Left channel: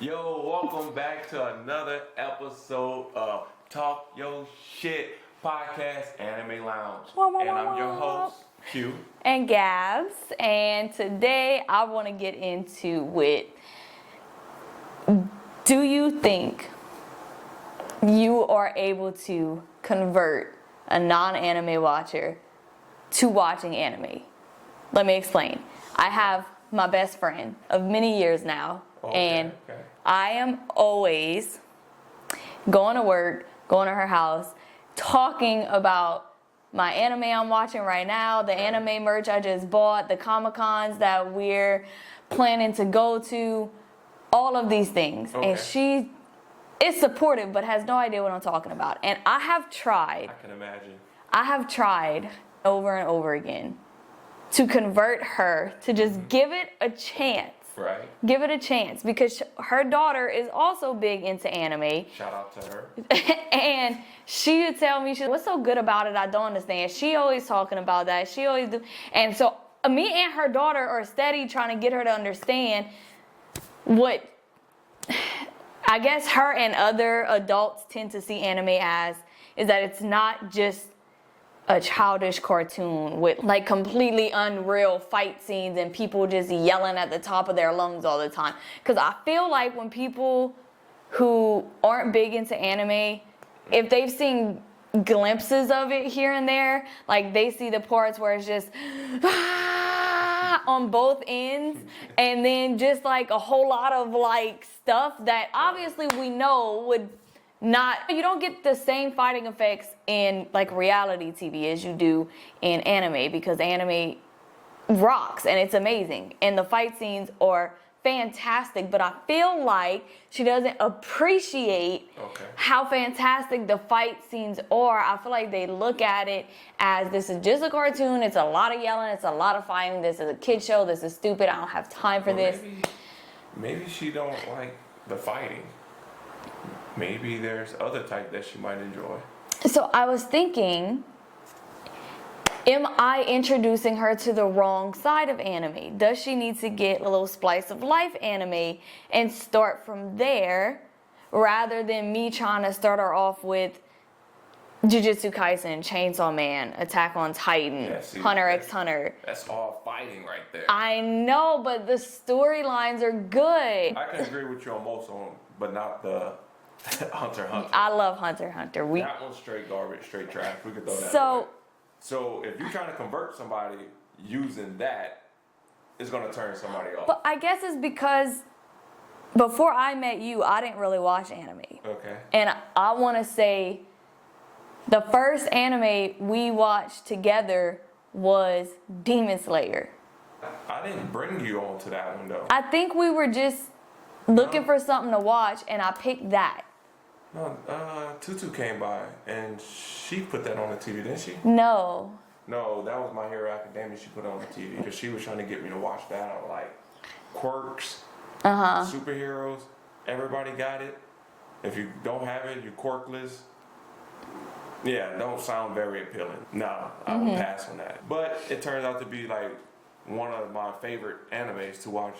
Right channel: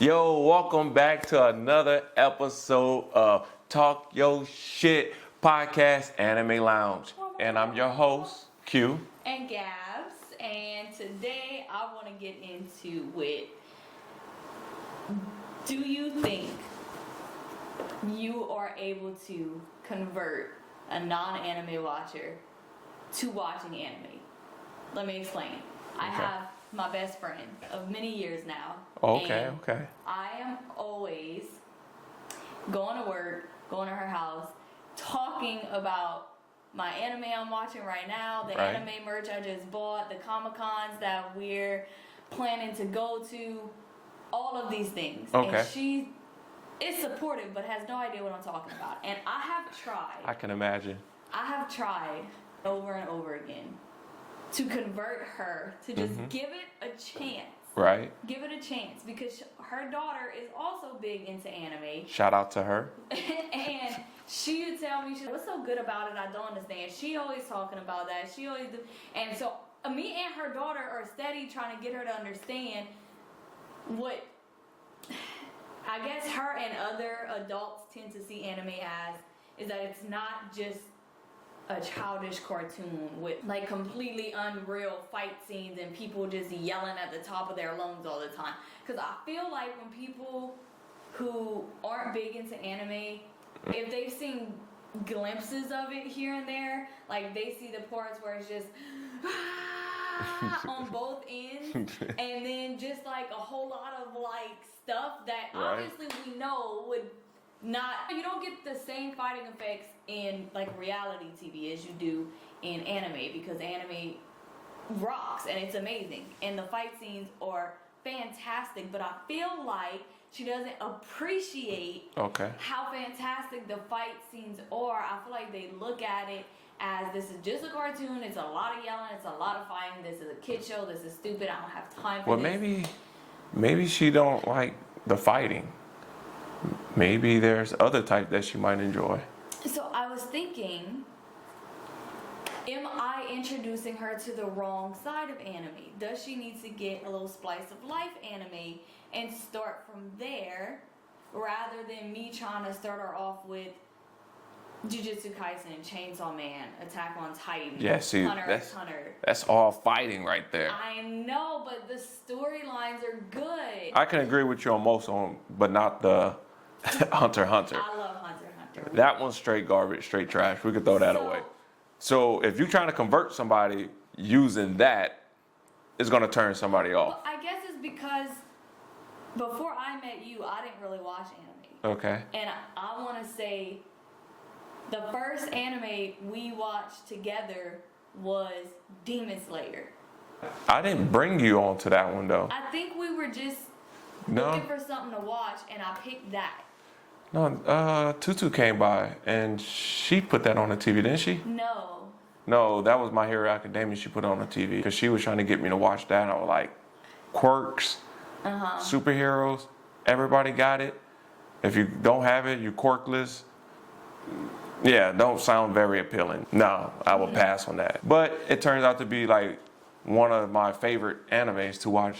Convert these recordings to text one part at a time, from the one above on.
Yo, welcome back to another episode of Talk Yo Shit Podcast Anime Lounge. And I'm your host, Q. And Gabs. And today I want to get into it. Do you think you are able to convert a non-anime watcher to watching anime? Let me explain. I have my best friend of many years now. Okay. I am always going to work, going to her house, talking about my anime I'm watching right now, the anime merch I just bought, the Comic-Cons that we're planning to go to, all of these things. Okay. And she is supportive but has no idea what I'm talking about. And I have tried. I can imagine. I have tried over and over again to convert her to just give it a chance. Right. Give it a chance because her daughter is also big into anime. Shout out to her. And she would tell me, what's so good about it? I don't understand. She always talking about that. She always do. And so me and her daughter are steady trying to get her to understand what I guess her and other adults tend to see anime as is that it's not just a childish cartoon with like completely unreal fight scenes and people just yelling at the top of their lungs all the time. Because I feel like when people who aren't big into anime, if they've seen glimpses of it here and there, like they see the parts where it's just on both ends and then just like a whole lot of like stuff that obviously we know would not, you don't get the same fighting effects in like reality TV as you do in anime because anime rocks and it's amazing and the fight scenes are fantastic, but I feel like she doesn't appreciate how fantastic the fight scenes are. I feel like they look at it as this is just a cartoon, it's a lot of yelling, it's a lot of fighting, this is a kid show, this is stupid, I don't have time for this. Maybe she don't like the fighting. Maybe there's other type that she might enjoy. So I was thinking, am I introducing her to the wrong side of anime? Does she need to get a little slice of life anime and start from there rather than me trying to start her off with Jujutsu Kaisen, Chainsaw Man, Attack on Titan, Hunter x Hunter? That's all fighting right there. I know, but the storylines are good. I can agree with you on most of them, but not the Hunter x Hunter. I love Hunter x Hunter. That one's straight garbage, straight trash. We could throw that away. So if you're trying to convert somebody using that, it's going to turn somebody off. But I guess it's because before I met you, I didn't really watch anime. Okay. And I want to say the first anime we watched together was Demon Slayer. I didn't bring you on to that one, though. I think we were just looking for something to watch, and I picked that. No, Tutu came by, and she put that on the TV, didn't she? No, that was My Hero Academia she put on the TV. Because she was trying to get me to watch that, and I was like, quirks, superheroes, everybody got it. If you don't have it, you're quirkless. Yeah, don't sound very appealing. No, I would pass on that. But it turns out to be like one of my favorite animes to watch.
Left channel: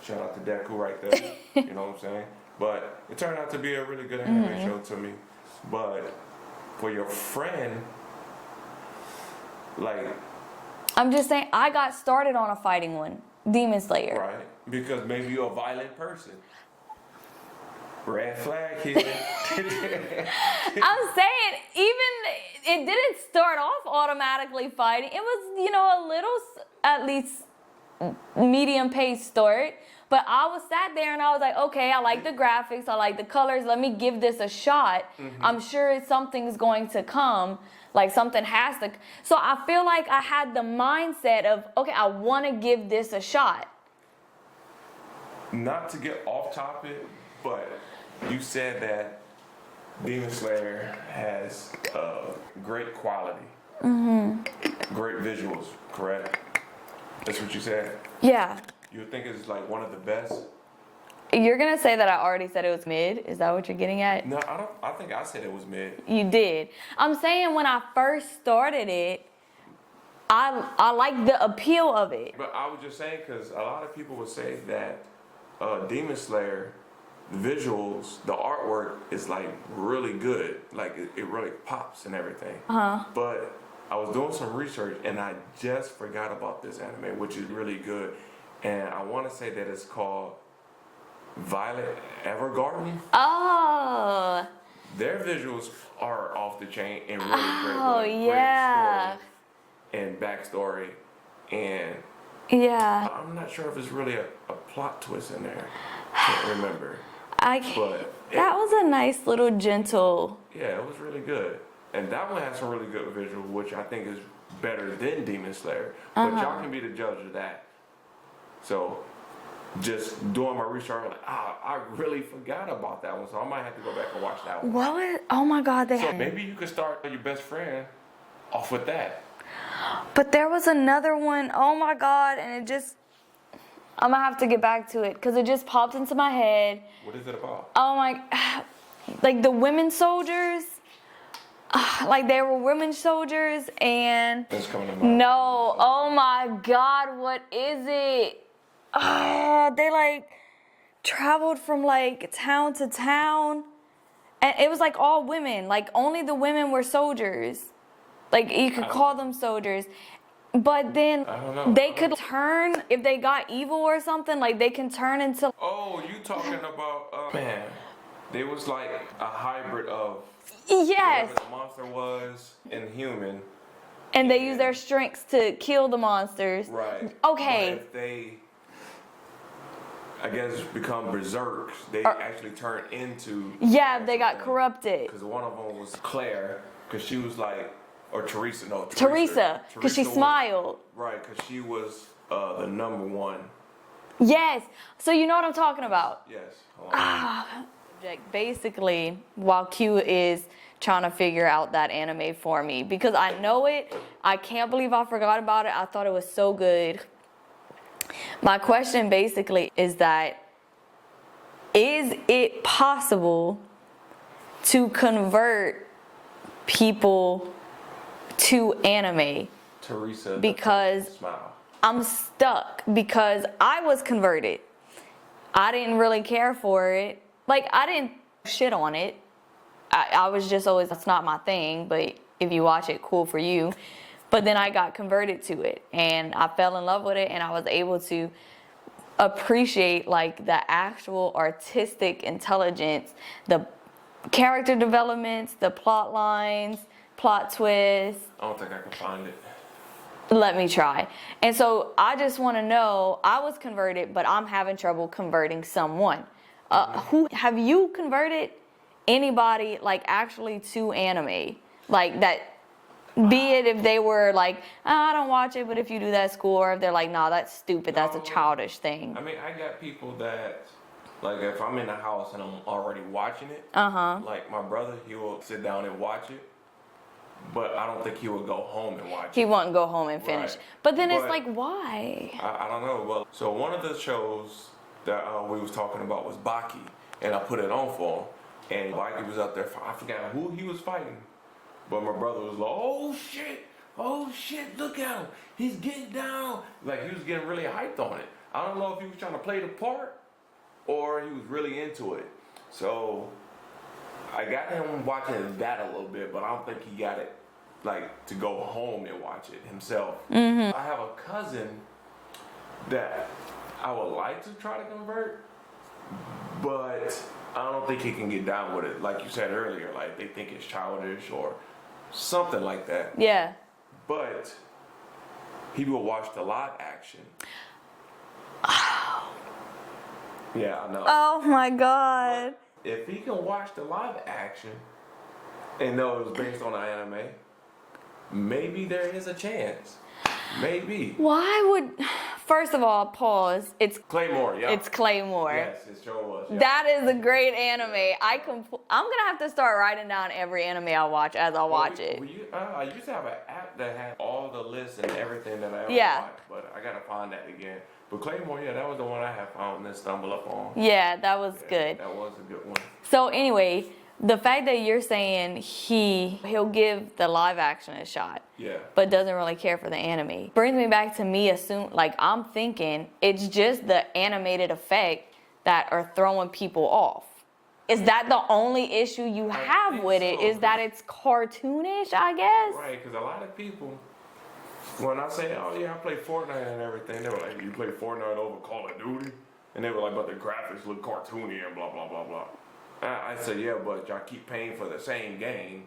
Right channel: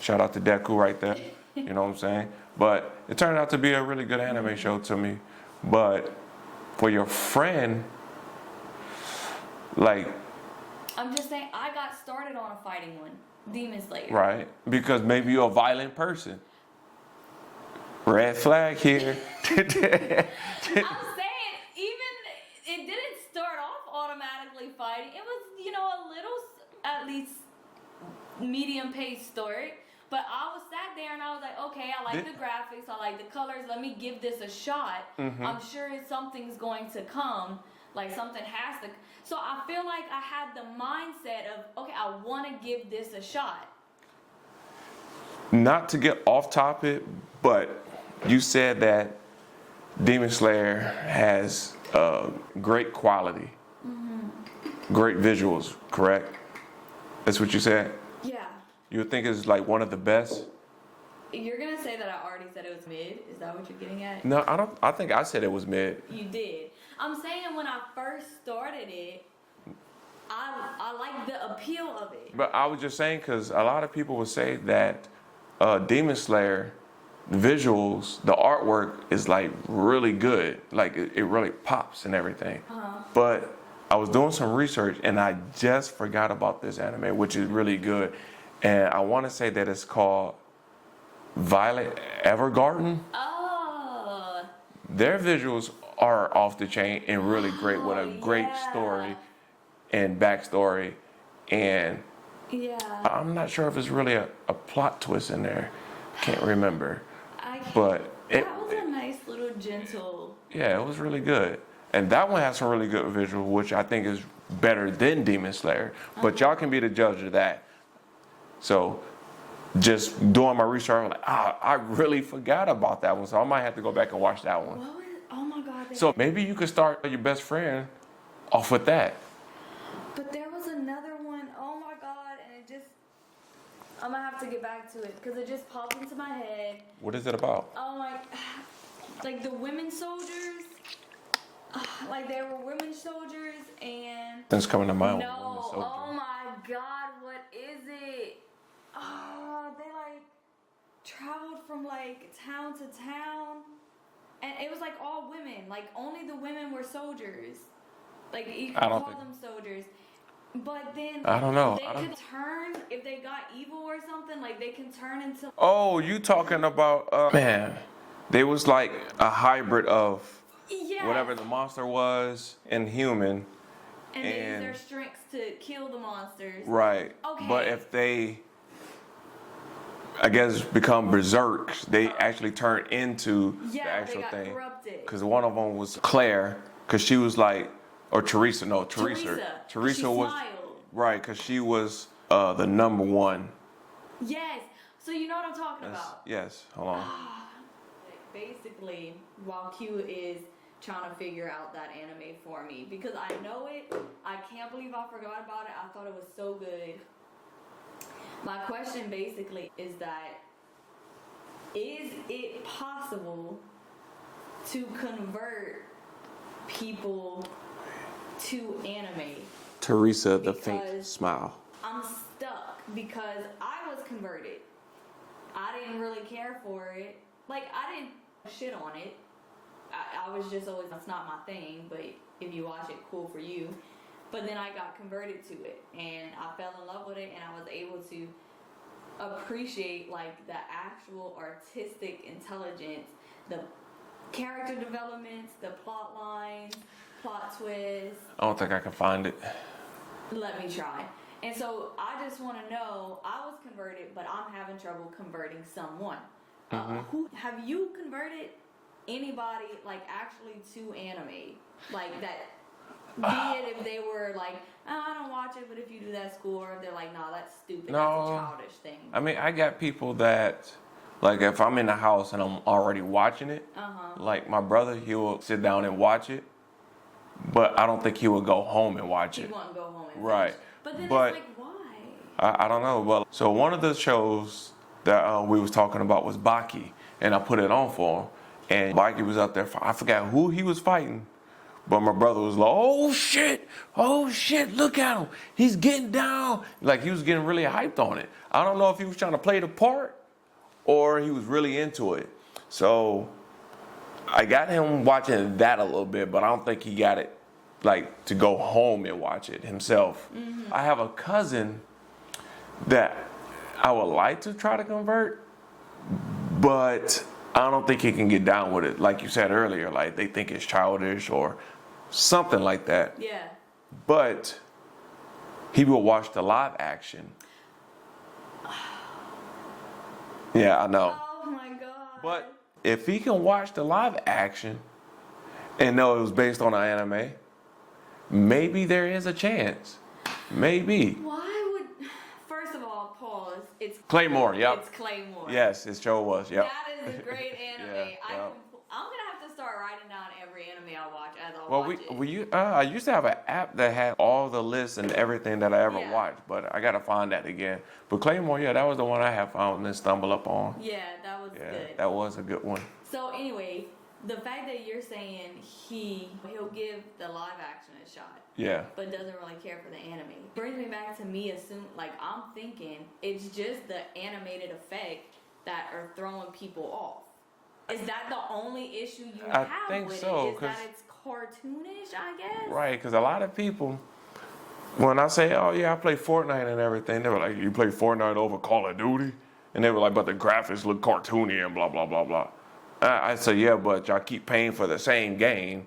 Shout out to Deku right there. You know what I'm saying? But it turned out to be a really good anime show to me. But for your friend, like... I'm just saying, I got started on a fighting one, Demon Slayer. Right, because maybe you're a violent person. Red flag here. I'm saying, even it didn't start off automatically fighting. It was, a little, at least, medium-paced start. But I was sat there and I was like, okay, I like the graphics, I like the colors, let me give this a shot. I'm sure something's going to come, like something has to. So I feel like I had the mindset of, okay, I want to give this a shot. Not to get off topic, but you said that Demon Slayer has great quality, great visuals, correct? That's what you said? Yeah. You would think it's like one of the best? You're going to say that I already said it was mid? Is that what you're getting at? No, I don't. I think I said it was mid. You did. I'm saying when I first started it, I like the appeal of it. But I was just saying because a lot of people would say that Demon Slayer visuals, the artwork is like really good. Like it really pops and everything. But I was doing some research and I just forgot about this anime, which is really good. And I want to say that it's called Violet Evergarden. Oh. Their visuals are off the chain and really great with a great story and backstory. And yeah, I'm not sure if it's really a plot twist in there. Can't remember. But that was a nice little gentle. Yeah, it was really good. And that one has some really good visual, which I think is better than Demon Slayer. But y'all can be the judge of that. So just doing my research, I'm like, I really forgot about that one. So I might have to go back and watch that one. What? Oh my God. So maybe you could start your best friend off with that. But there was another one, oh my God, and it just, I'm gonna have to get back to it because it just popped into my head. What is it about? Oh my, like the women soldiers, like they were women soldiers and. That's coming to mind. No, oh my God, what is it? They like traveled from like town to town and it was like all women, like only the women were soldiers. Like you could call them soldiers, but then I don't know. They could turn if they got evil or something. Like they can turn into. Oh, you talking about man? They was like a hybrid of whatever the monster was and human. And they use their strengths to kill the monsters. Right. Okay. But if they, I guess, become berserks, they actually turn into. Yeah, they got corrupted. Because one of them was Claire, because she was like. Or Teresa, no, Teresa, because she smiled. Right, because she was the number one. Yes, so you know what I'm talking about. Yes, hold on. Basically, while Q is trying to figure out that anime for me, because I know it, I can't believe I forgot about it. I thought it was so good. My question basically is that, is it possible to convert people to anime? Teresa, because smile. I'm stuck because I was converted. I didn't really care for it. Like I didn't shit on it. I was just always, that's not my thing, but if you watch it, cool for you. But then I got converted to it and I fell in love with it and I was able to appreciate like the actual artistic intelligence, the character developments, the plot lines, plot twist. I don't think I can find it. Let me try. And so I just want to know, I was converted, but I'm having trouble converting someone. Who have you converted anybody like actually to anime? Like that, be it if they were like, I don't watch it, but if you do that, cool. Or if they're like, nah, that's stupid. That's a childish thing. I mean, I got people that, like if I'm in the house and I'm already watching it, like my brother, he will sit down and watch it. But I don't think he would go home and watch it. He won't go home and finish. Right. But then it's like, why? I don't know. But so one of the shows that we was talking about was Baki, and I put it on for him. And Baki was out there. I forgot who he was fighting, but my brother was like, oh shit, look at him. He's getting down. Like he was getting really hyped on it. I don't know if he was trying to play the part or he was really into it. So I got him watching that a little bit, but I don't think he got it like to go home and watch it himself. I have a cousin that I would like to try to convert, but I don't think he can get down with it. Like you said earlier, like they think it's childish or something like that. Yeah. But he will watch the live action. Yeah, I know. Oh my God. But if he can watch the live action and know it was based on an anime, maybe there is a chance. Maybe. Why would, first of all, pause. It's Claymore, yeah. It's Claymore. Yes, it sure was, yeah. That is a great anime. Yeah, I'm gonna have to start writing down every anime I watch as I watch it. I used to have an app that had all the lists and everything that I ever watched, but I gotta find that again. But Claymore, yeah, that was the one I have found and stumbled up on. Yeah, that was good. That was a good one. So anyway, the fact that you're saying he'll give the live action a shot, Yeah. but doesn't really care for the anime, brings me back to me I'm thinking it's just the animated effect that are throwing people off. Is that the only issue you have with it? Is that it's cartoonish, I guess? Right, because a lot of people, when I say, oh yeah, I play Fortnite and everything, they were like, you play Fortnite over Call of Duty? And they were like, but the graphics look cartoony and blah, blah, blah, blah. I said, yeah, but y'all keep paying for the same game.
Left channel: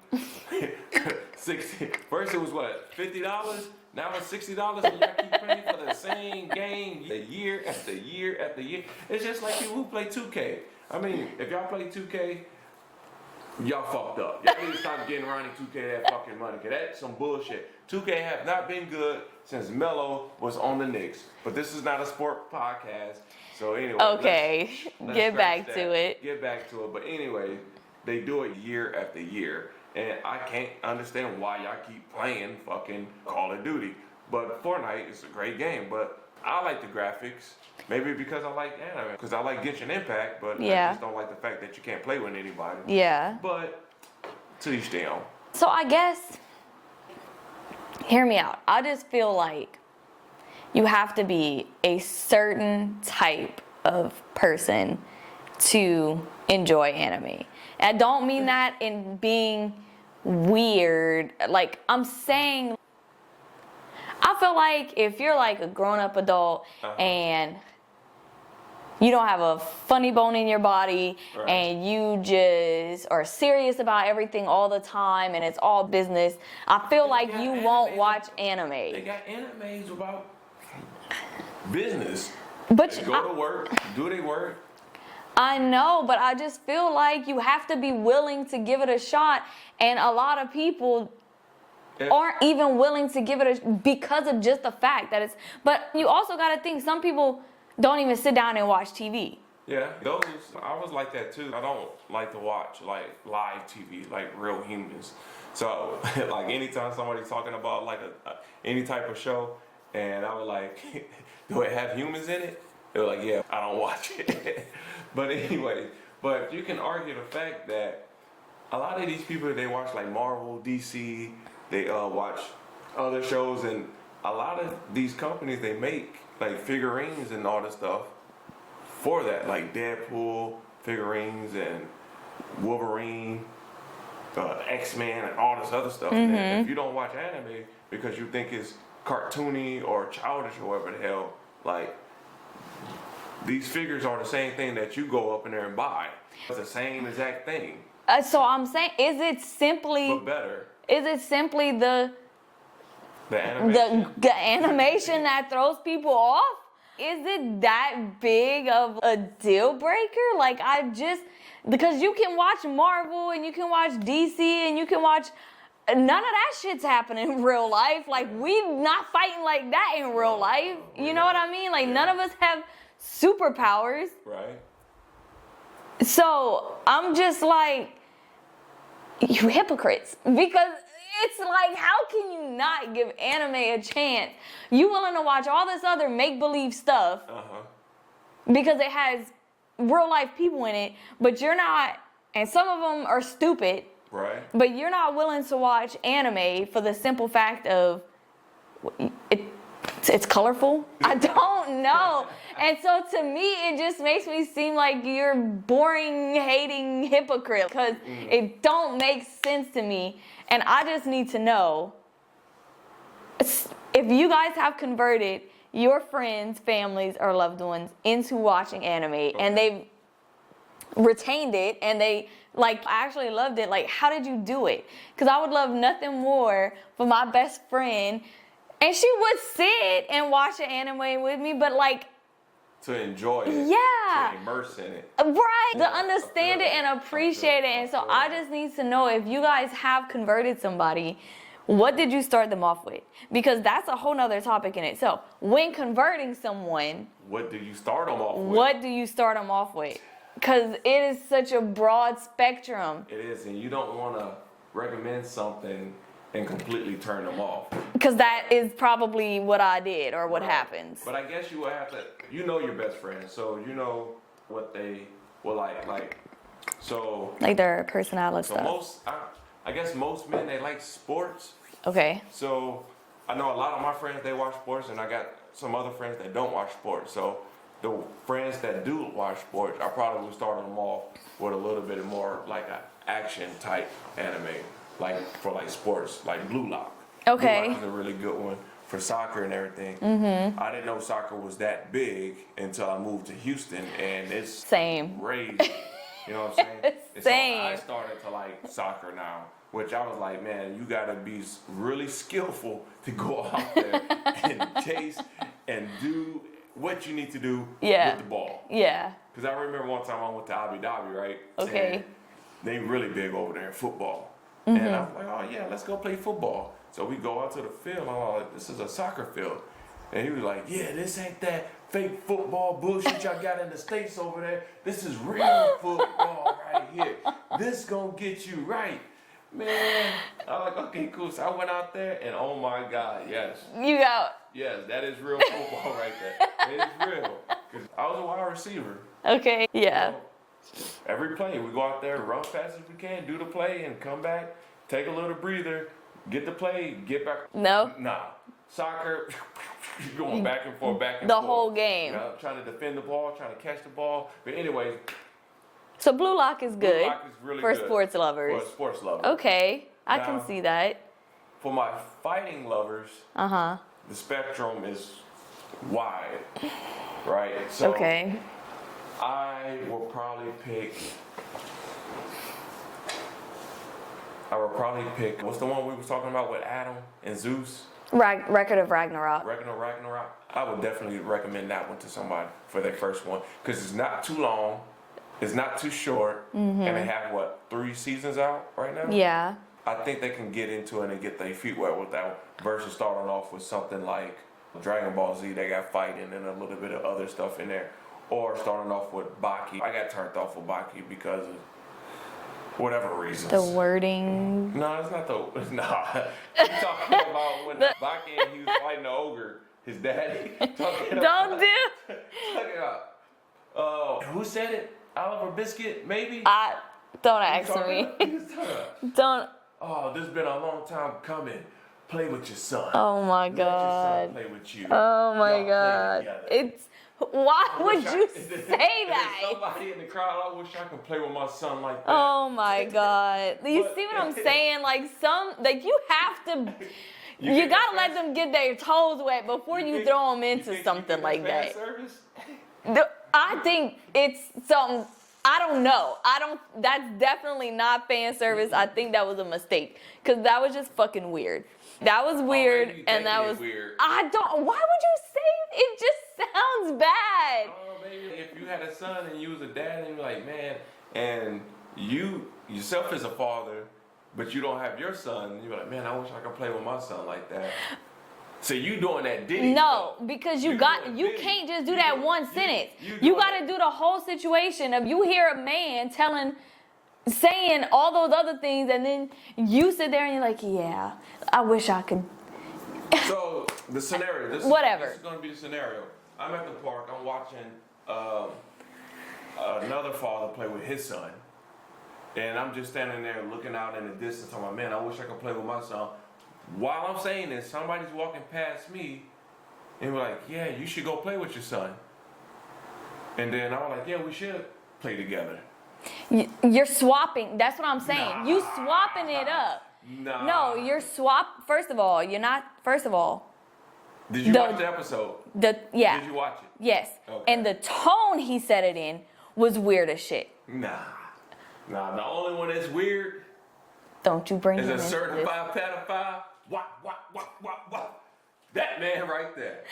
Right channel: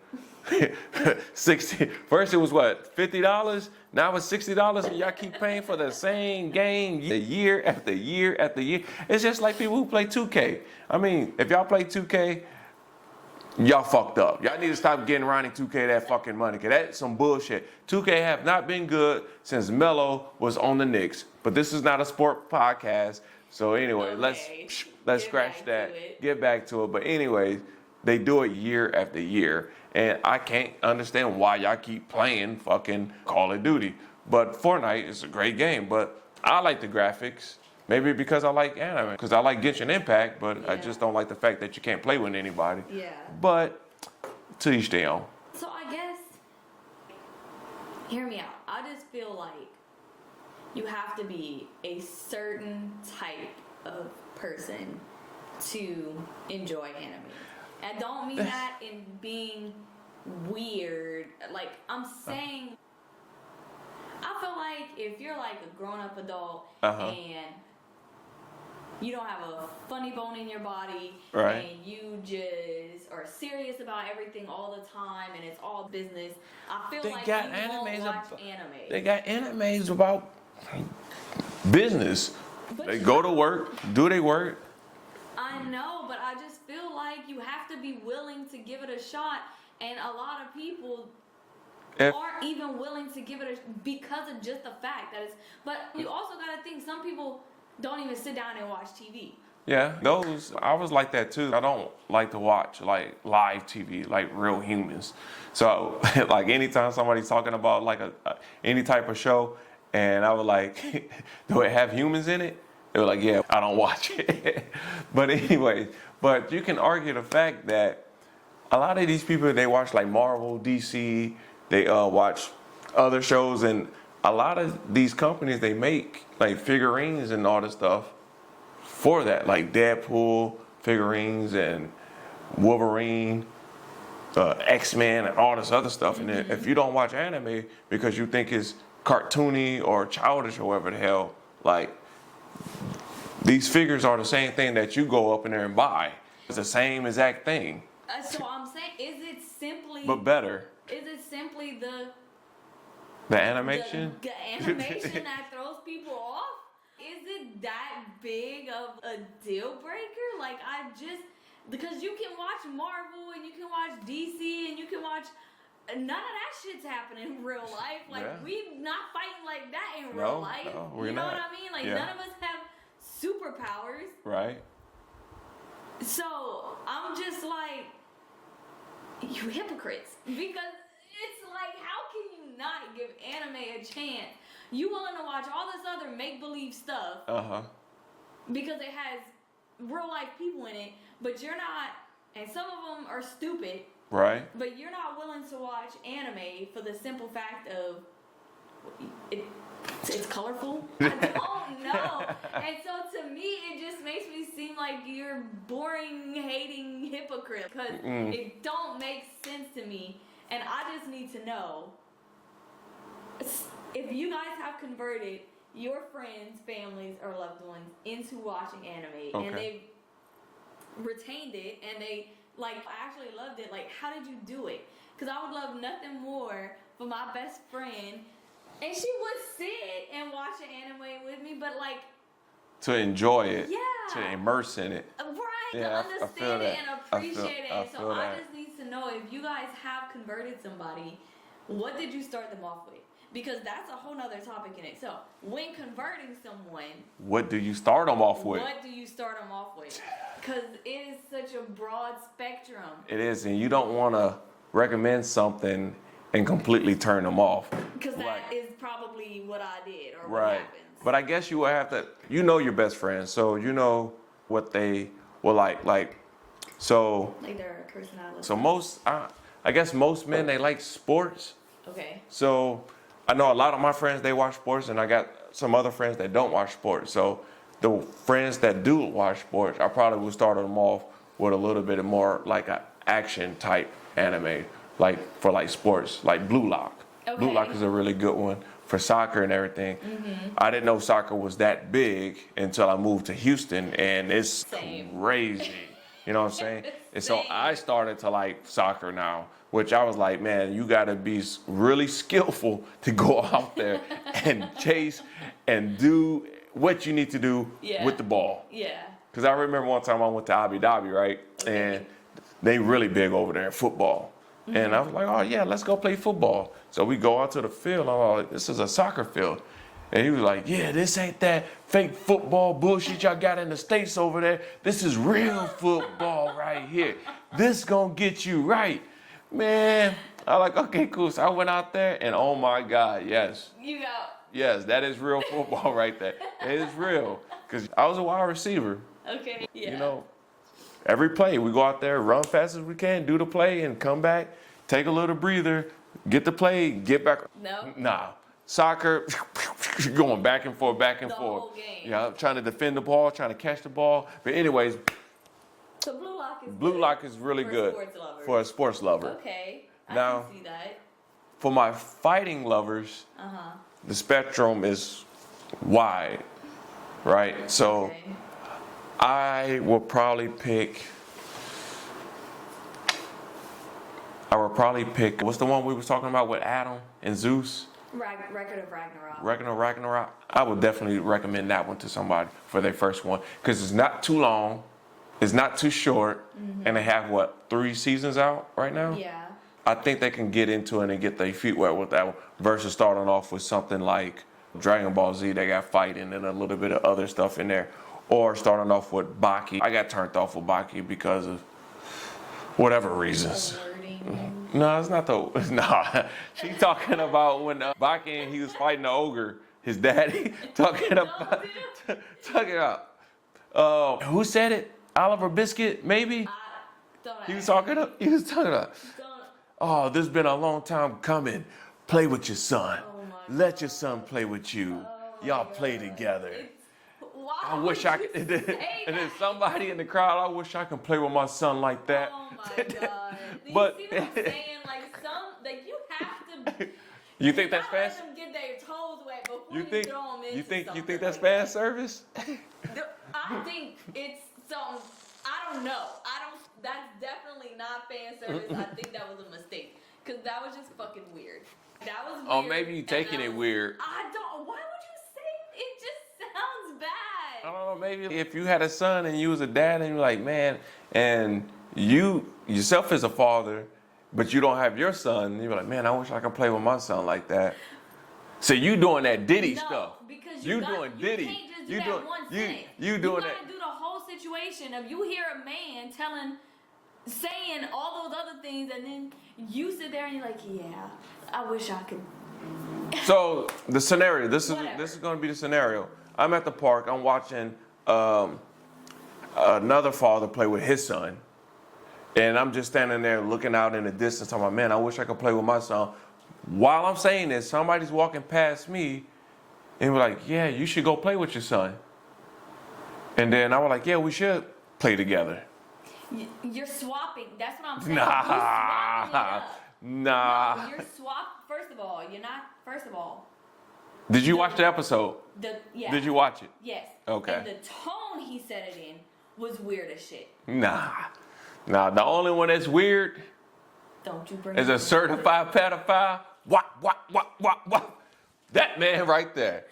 First it was what, $50? Now it's $60 and y'all keep paying for the same game year after year after year. It's just like people who play 2K. I mean, if y'all play 2K, y'all fucked up. Y'all need to stop getting Ronnie 2K that fucking money, because that's some bullshit. 2K have not been good since Melo was on the Knicks. But this is not a sport podcast. So anyway, okay. let's get back that. to it. Get back to it. But anyway, they do it year after year. And I can't understand why y'all keep playing fucking Call of Duty. But Fortnite is a great game. But I like the graphics. Maybe because I like anime. Because I like Genshin Impact. But I just don't like the fact that you can't play with anybody. Yeah. But to each their own. So I guess, hear me out. I just feel like you have to be a certain type of person to enjoy anime. And I don't mean that in being weird. Like, I'm saying, I feel like if you're like a grown-up adult and you don't have a funny bone in your body and you just are serious about everything all the time and it's all business, I feel like you won't watch anime. They got animes about business. But they go to work, do their work. I know, but I just feel like you have to be willing to give it a shot, and a lot of people aren't even willing to give it because of just the fact that it's. But you also got to think, some people don't even sit down and watch TV. Yeah, I was like that too. I don't like to watch like live TV, like real humans. So like anytime somebody's talking about like any type of show, and I was like, do it have humans in it? They were like, yeah, I don't watch it. But anyway, but you can argue the fact that a lot of these people, they watch like Marvel, DC, they watch other shows, and a lot of these companies, they make like figurines and all this stuff for that, like Deadpool figurines and Wolverine, X-Men, and all this other stuff. And then if you don't watch anime because you think it's cartoony or childish or whatever the hell, like, these figures are the same thing that you go up in there and buy. It's the same exact thing. So I'm saying, is it simply... But better. Is it simply the animation? The animation that throws people off? Is it that big of a deal breaker? Like, because you can watch Marvel and you can watch DC and you can watch... None of that shit's happening in real life. Like, we not fighting like that in real life. You know what I mean? Like, none of us have superpowers. Right. So, I'm just like, you hypocrites. Because it's like, how can you not give anime a chance? You willing to watch all this other make-believe stuff because it has real-life people in it, but you're not, and some of them are stupid. Right. But you're not willing to watch anime for the simple fact of it's colorful. I don't know. And so to me, it just makes me seem like you're boring, hating hypocrite, because it don't make sense to me. And I just need to know if you guys have converted your friends, families, or loved ones into watching anime and they've retained it and they like actually loved it. Like, how did you do it? Because I would love nothing more for my best friend, and she would sit and watch an anime with me, but like to enjoy it, yeah, to immerse in it, right? Yeah, to understand it and appreciate it. And so I just need to know if you guys have converted somebody, what did you start them off with? Because that's a whole nother topic in itself. When converting someone, what do you start them off with? What do you start them off with? Because it is such a broad spectrum. It is, and you don't want to recommend something and completely turn them off. Because that is probably what I did or what happens. But I guess you will have to, you know your best friends, so you know what they will like. Like their personality. So I guess most men, they like sports. Okay. So I know a lot of my friends, they watch sports, and I got some other friends that don't watch sports. So the friends that do watch sports, I probably would start them off with a little bit more like an action type anime, like for like sports, like Blue Lock. Okay. Blue Lock is a really good one for soccer and everything. I didn't know soccer was that big until I moved to Houston, and it's Same. crazy. You know what I'm saying? And so Same. I started to like soccer now, which I was like, man, you gotta be really skillful to go out there and chase and do what you need to do with the ball. Yeah. Because I remember one time I went to Abu Dhabi, right? Okay. And they really big over there in football. And I was like, oh yeah, let's go play football. So we go out to the field. I'm like, this is a soccer field. And he was like, yeah, this ain't that fake football bullshit y'all got in the States over there. This is real football right here. This gonna get you right. Man, I like, okay, cool. So I went out there and oh my God, yes. You got. Yes, that is real football right there. It is real. Because I was a wide receiver. Okay. Yeah. You know, every play, we go out there, run fast as we can, do the play, and come back, take a little breather, get the play, get back. No. Nah. Soccer, going back and forth, back and The forth. whole game. You know, trying to defend the ball, trying to catch the ball. But anyways, So Blue Lock is good. Blue Lock is really for good. sports lovers. For a sports lover. Okay. I Now- can see that. For my fighting lovers, the spectrum is wide, right? So Okay. I will probably pick, what's the one we was talking about with Adam and Zeus? Record of Ragnarok. Ragnarok. I would definitely recommend that one to somebody for their first one because it's not too long, it's not too short, and they have, what, 3 seasons out right now? Yeah. I think they can get into it and get their feet wet with that one versus starting off with something like Dragon Ball Z. They got fighting and a little bit of other stuff in there. Or starting off with Baki. I got turned off with Baki because of whatever reasons. The wording. No, it's not the. Nah. He's talking about when Baki and he was fighting the ogre, his daddy. Talking about. Don't do. Talking about. Who said it? Oliver Biscuit, maybe? Don't He ask me. he was talking about. Don't. Oh, this has been a long time coming. Play with your son. Oh my God. Let your son play with you. Oh my Y'all God. play together. Why I would wish you and say then that? somebody in the crowd, I wish I could play with my son like that. Oh my God. You But- see what I'm saying? Like you have to. You think gotta that's let them get their toes wet before you throw them into something you think like that's that. fan service? I think it's some. I don't know. That's definitely not fan service. I think that was a mistake because that was just fucking weird. That was weird. maybe you and taking that it was weird. I don't. Why would you say it? Just sounds bad. Oh, maybe if you had a son and you was a dad and you're like, man, and you yourself as a father, but you don't have your son, you're like, man, I wish I could play with my son like that. So you doing that Diddy stuff. No, because You you Diddy. can't just do You that doing- one you- sentence. you You doing gotta that. do the whole situation of you hear a man saying all those other things, and then you sit there and you're like, yeah, I wish I could. So the scenario, this Whatever. is going to be the scenario. I'm at the park. I'm watching another father play with his son, and I'm just standing there looking out in the distance. I'm like, man, I wish I could play with my son. While I'm saying this, somebody's walking past me, and we're like, yeah, you should go play with your son. And then I was like, yeah, we should play together. You're swapping. That's what I'm saying. Nah. You swapping it up. Nah. No, you're First of all, you're not. First of all, Did you watch the episode? yeah. Did you watch it? Yes. Okay. And the tone he said it in was weird as shit. Nah. The only one that's weird Don't you bring is him a into certified pedophile. What? That man right there.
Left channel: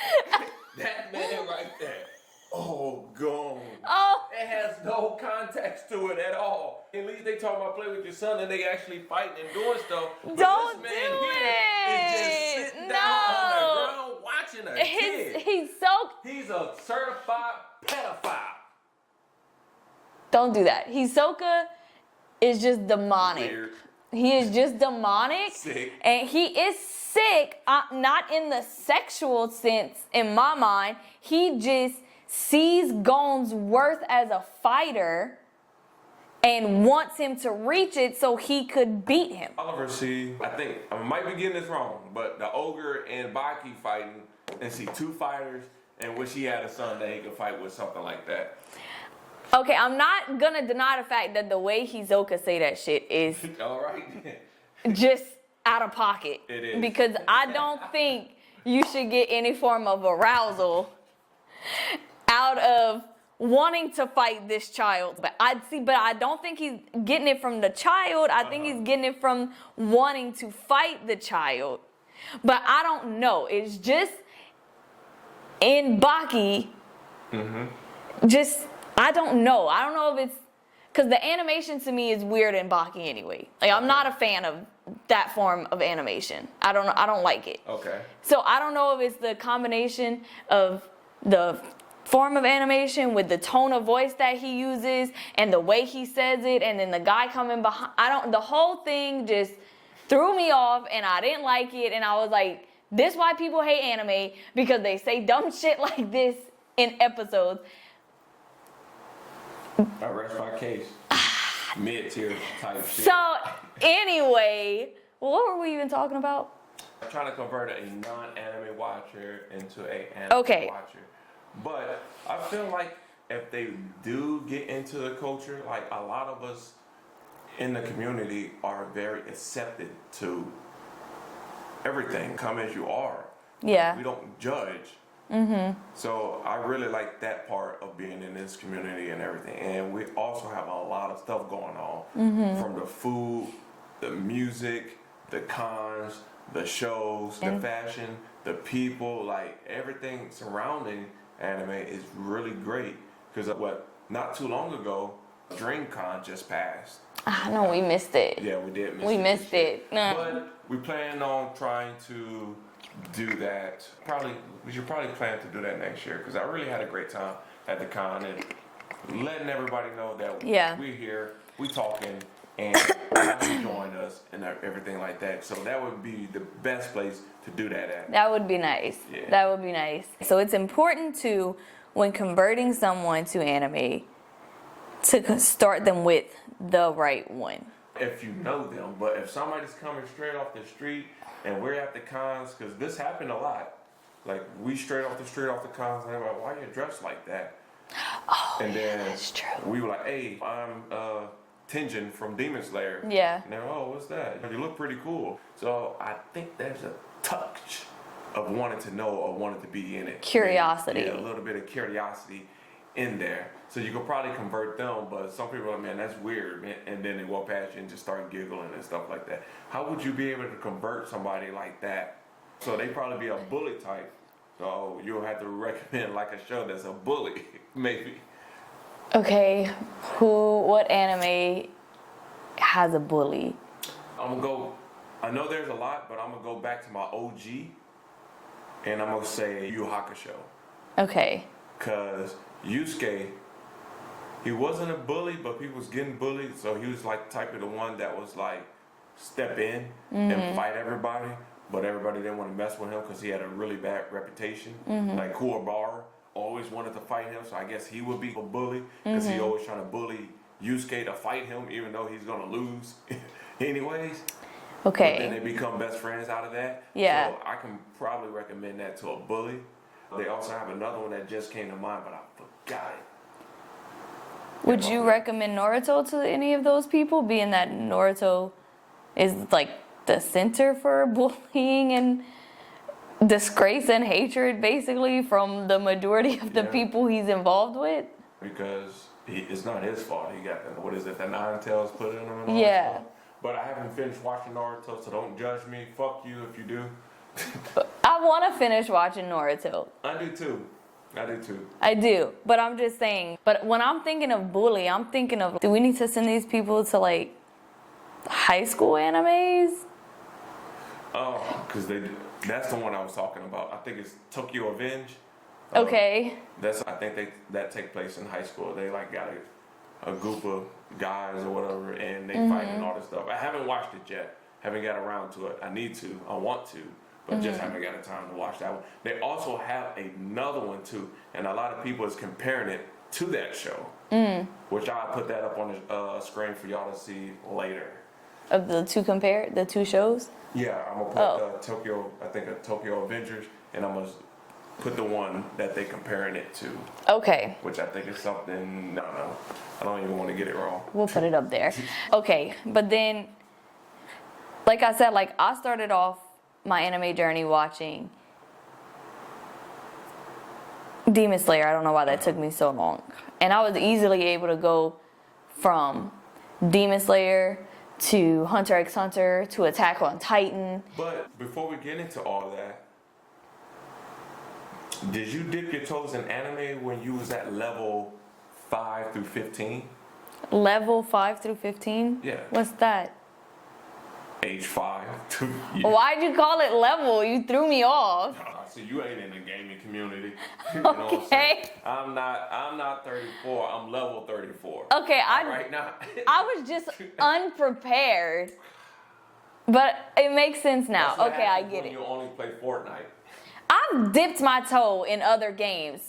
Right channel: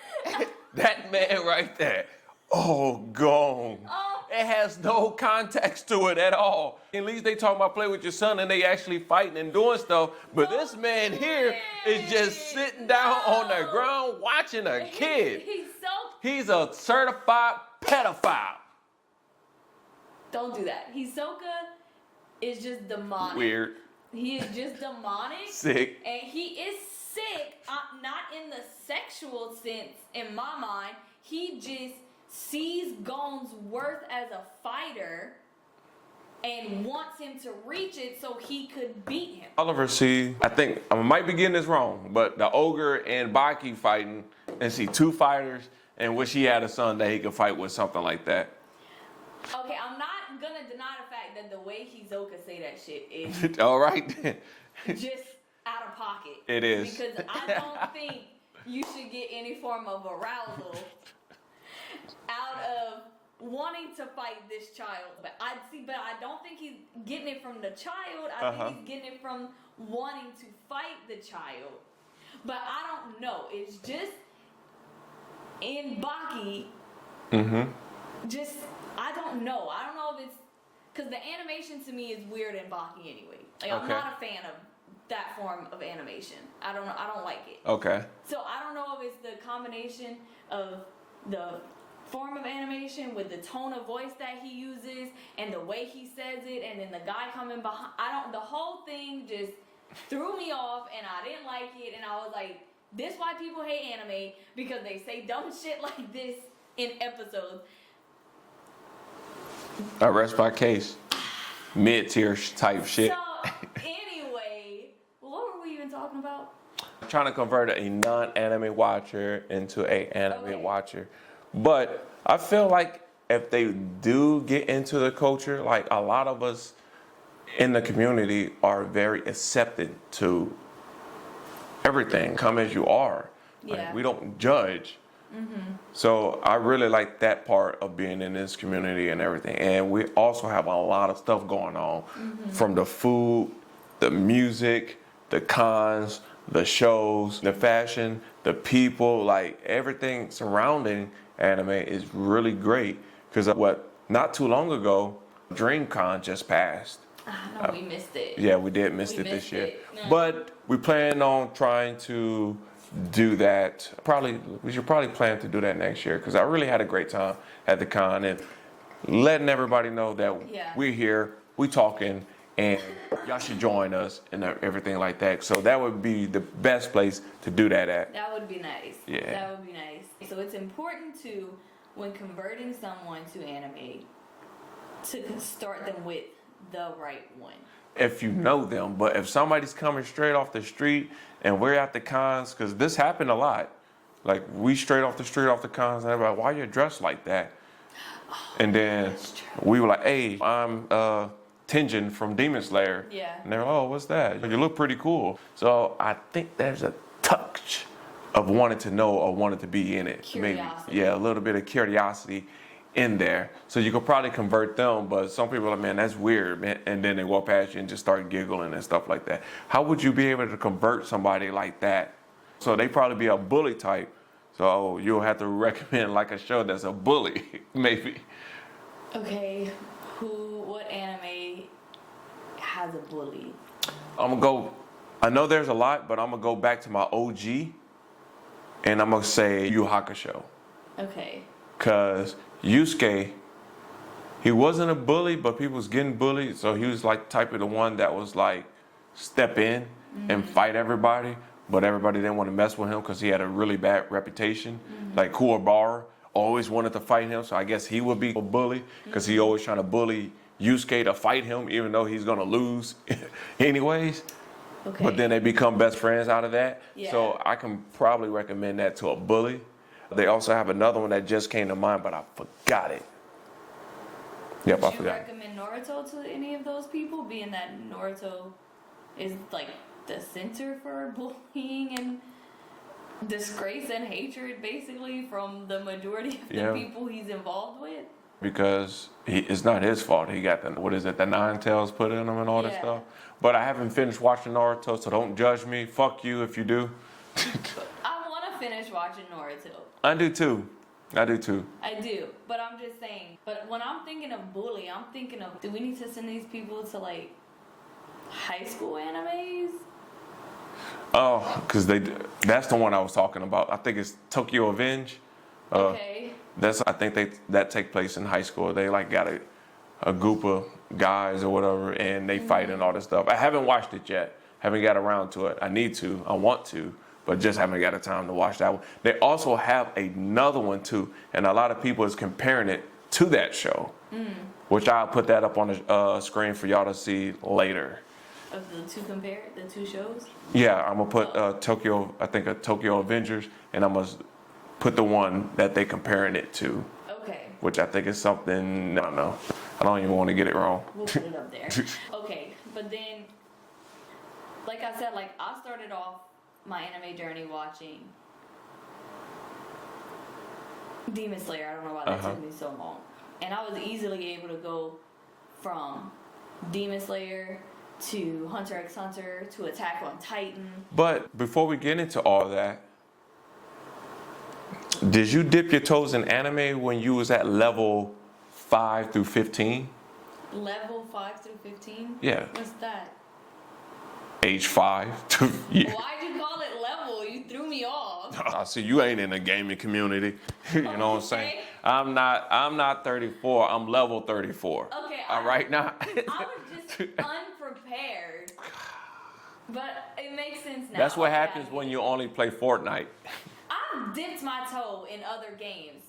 That man right there. Oh, gone. Oh. It has no context to it at all. At least they talk about play with your son and they actually fighting and doing stuff. But Don't this man do here is just it. sitting down on the No. ground watching a kid. He's He's a certified pedophile. Don't do that. Hisoka is just demonic. Weird. He is just demonic. Sick. And he is sick, not in the sexual sense in my mind. He just sees Gon's worth as a fighter and wants him to reach it so he could beat him. Oliver, see, I think I might be getting this wrong, but the ogre and Baki fighting, and see 2 fighters, and wish he had a son that he could fight with something like that. Okay, I'm not gonna deny the fact that the way Hisoka say that shit is All right. just out of pocket. It is. Because I don't think you should get any form of arousal out of wanting to fight this child. But I don't think he's getting it from the child. I think he's getting it from wanting to fight the child. But I don't know. It's just in Baki. Just, I don't know. I don't know if it's because the animation to me is weird in Baki anyway. Like I'm not a fan of that form of animation. I don't like it. Okay. So I don't know if it's the combination of the form of animation with the tone of voice that he uses and the way he says it, and then the guy coming behind. The whole thing just threw me off, and I didn't like it. And I was like, this why people hate anime, because they say dumb shit like this in episodes. I rest my case. Mid-tier type shit. So anyway, what were we even talking about? Trying to convert a non-anime watcher into a anime watcher. But I feel like if they do get into the culture, like a lot of us in the community are very accepted to everything. Come as you are. Yeah. Like, we don't judge. So I really like that part of being in this community and everything. And we also have a lot of stuff going on, from the food, the music, the cons, the shows, the fashion, the people, like everything surrounding anime is really great. Because not too long ago, DreamCon just passed. I know we missed it. Yeah, we did miss it this year. But we plan on trying to do that. We should probably plan to do that next year, because I really had a great time at the con and letting everybody know that we're here, we talking, and you should join us and everything like that. So that would be the best place to do that at. That would be nice. Yeah. That would be nice. So it's important to, when converting someone to anime, to start them with the right one. If you know them, but if somebody's coming straight off the street and we're at the cons, because this happened a lot. Like, we straight off the street, off the cons, and everybody, why you dressed like that? Oh, and then that's true. We were like, hey, I'm Tenjin from Demon Slayer. Yeah. And they're, oh, what's that? You look pretty cool. So I think there's a touch of wanting to know or wanting to be in it. Curiosity. Maybe. Yeah, a little bit of curiosity in there. So you could probably convert them, but some people are like, man, that's weird, man. And then they walk past you and just start giggling and stuff like that. How would you be able to convert somebody like that? So they probably be a bully type. So you'll have to recommend like a show that's a bully, maybe. Okay, what anime has a bully? I know there's a lot, but I'm gonna go back to my OG, and I'm gonna say Yu Hakusho. Okay. Cause Yusuke, he wasn't a bully, but people was getting bullied, so he was like type of the one that was like step in and fight everybody, but everybody didn't want to mess with him because he had a really bad reputation. Like Kuwabara always wanted to fight him, so I guess he would be a bully because he always trying to bully Yusuke to fight him, even though he's gonna lose anyways. Okay. But then they become best friends out of that. Yeah. So I can probably recommend that to a bully. They also have another one that just came to mind, but I forgot it. Would you recommend Naruto to any of those people, being that Naruto is like the center for bullying and disgrace and hatred, basically, from the majority of the people he's involved with? Because it's not his fault. He got the 9 tails put in him and all that stuff. But I haven't finished watching Naruto, so don't judge me. Fuck you if you do. I want to finish watching Naruto. I do too. I do, but I'm just saying. But when I'm thinking of bully, I'm thinking of, do we need to send these people to like high school animes? Oh, because that's the one I was talking about. I think it's Tokyo Avenge. Okay. I think that take place in high school. They like got a group of guys or whatever, and they fight and all this stuff. I haven't watched it yet. Haven't got around to it. I need to. I want to. But just haven't got the time to watch that one. They also have another one too, and a lot of people is comparing it to that show, which I'll put that up on the screen for y'all to see later. Of the two shows? Yeah, I'm gonna put Tokyo Avengers, and I'm gonna put the one that they comparing it to, Okay. which I think is something, I don't know. I don't even want to get it wrong. We'll put it up there. Okay, but then, like I said, like I started off my anime journey watching Demon Slayer. I don't know why that took me so long. And I was easily able to go from Demon Slayer to Hunter x Hunter to Attack on Titan. But before we get into all that, did you dip your toes in anime when you was at level 5 through 15? Level 5 through 15? Yeah. What's that? Age 5 to yeah. Why'd you call it level? You threw me off. I see you ain't in the gaming community. You know what I'm saying? I'm not 34. I'm level 34. Okay, right now. I was just unprepared. But it makes sense now. That's what okay, happens when you only play Fortnite. I've dipped my toe in other games.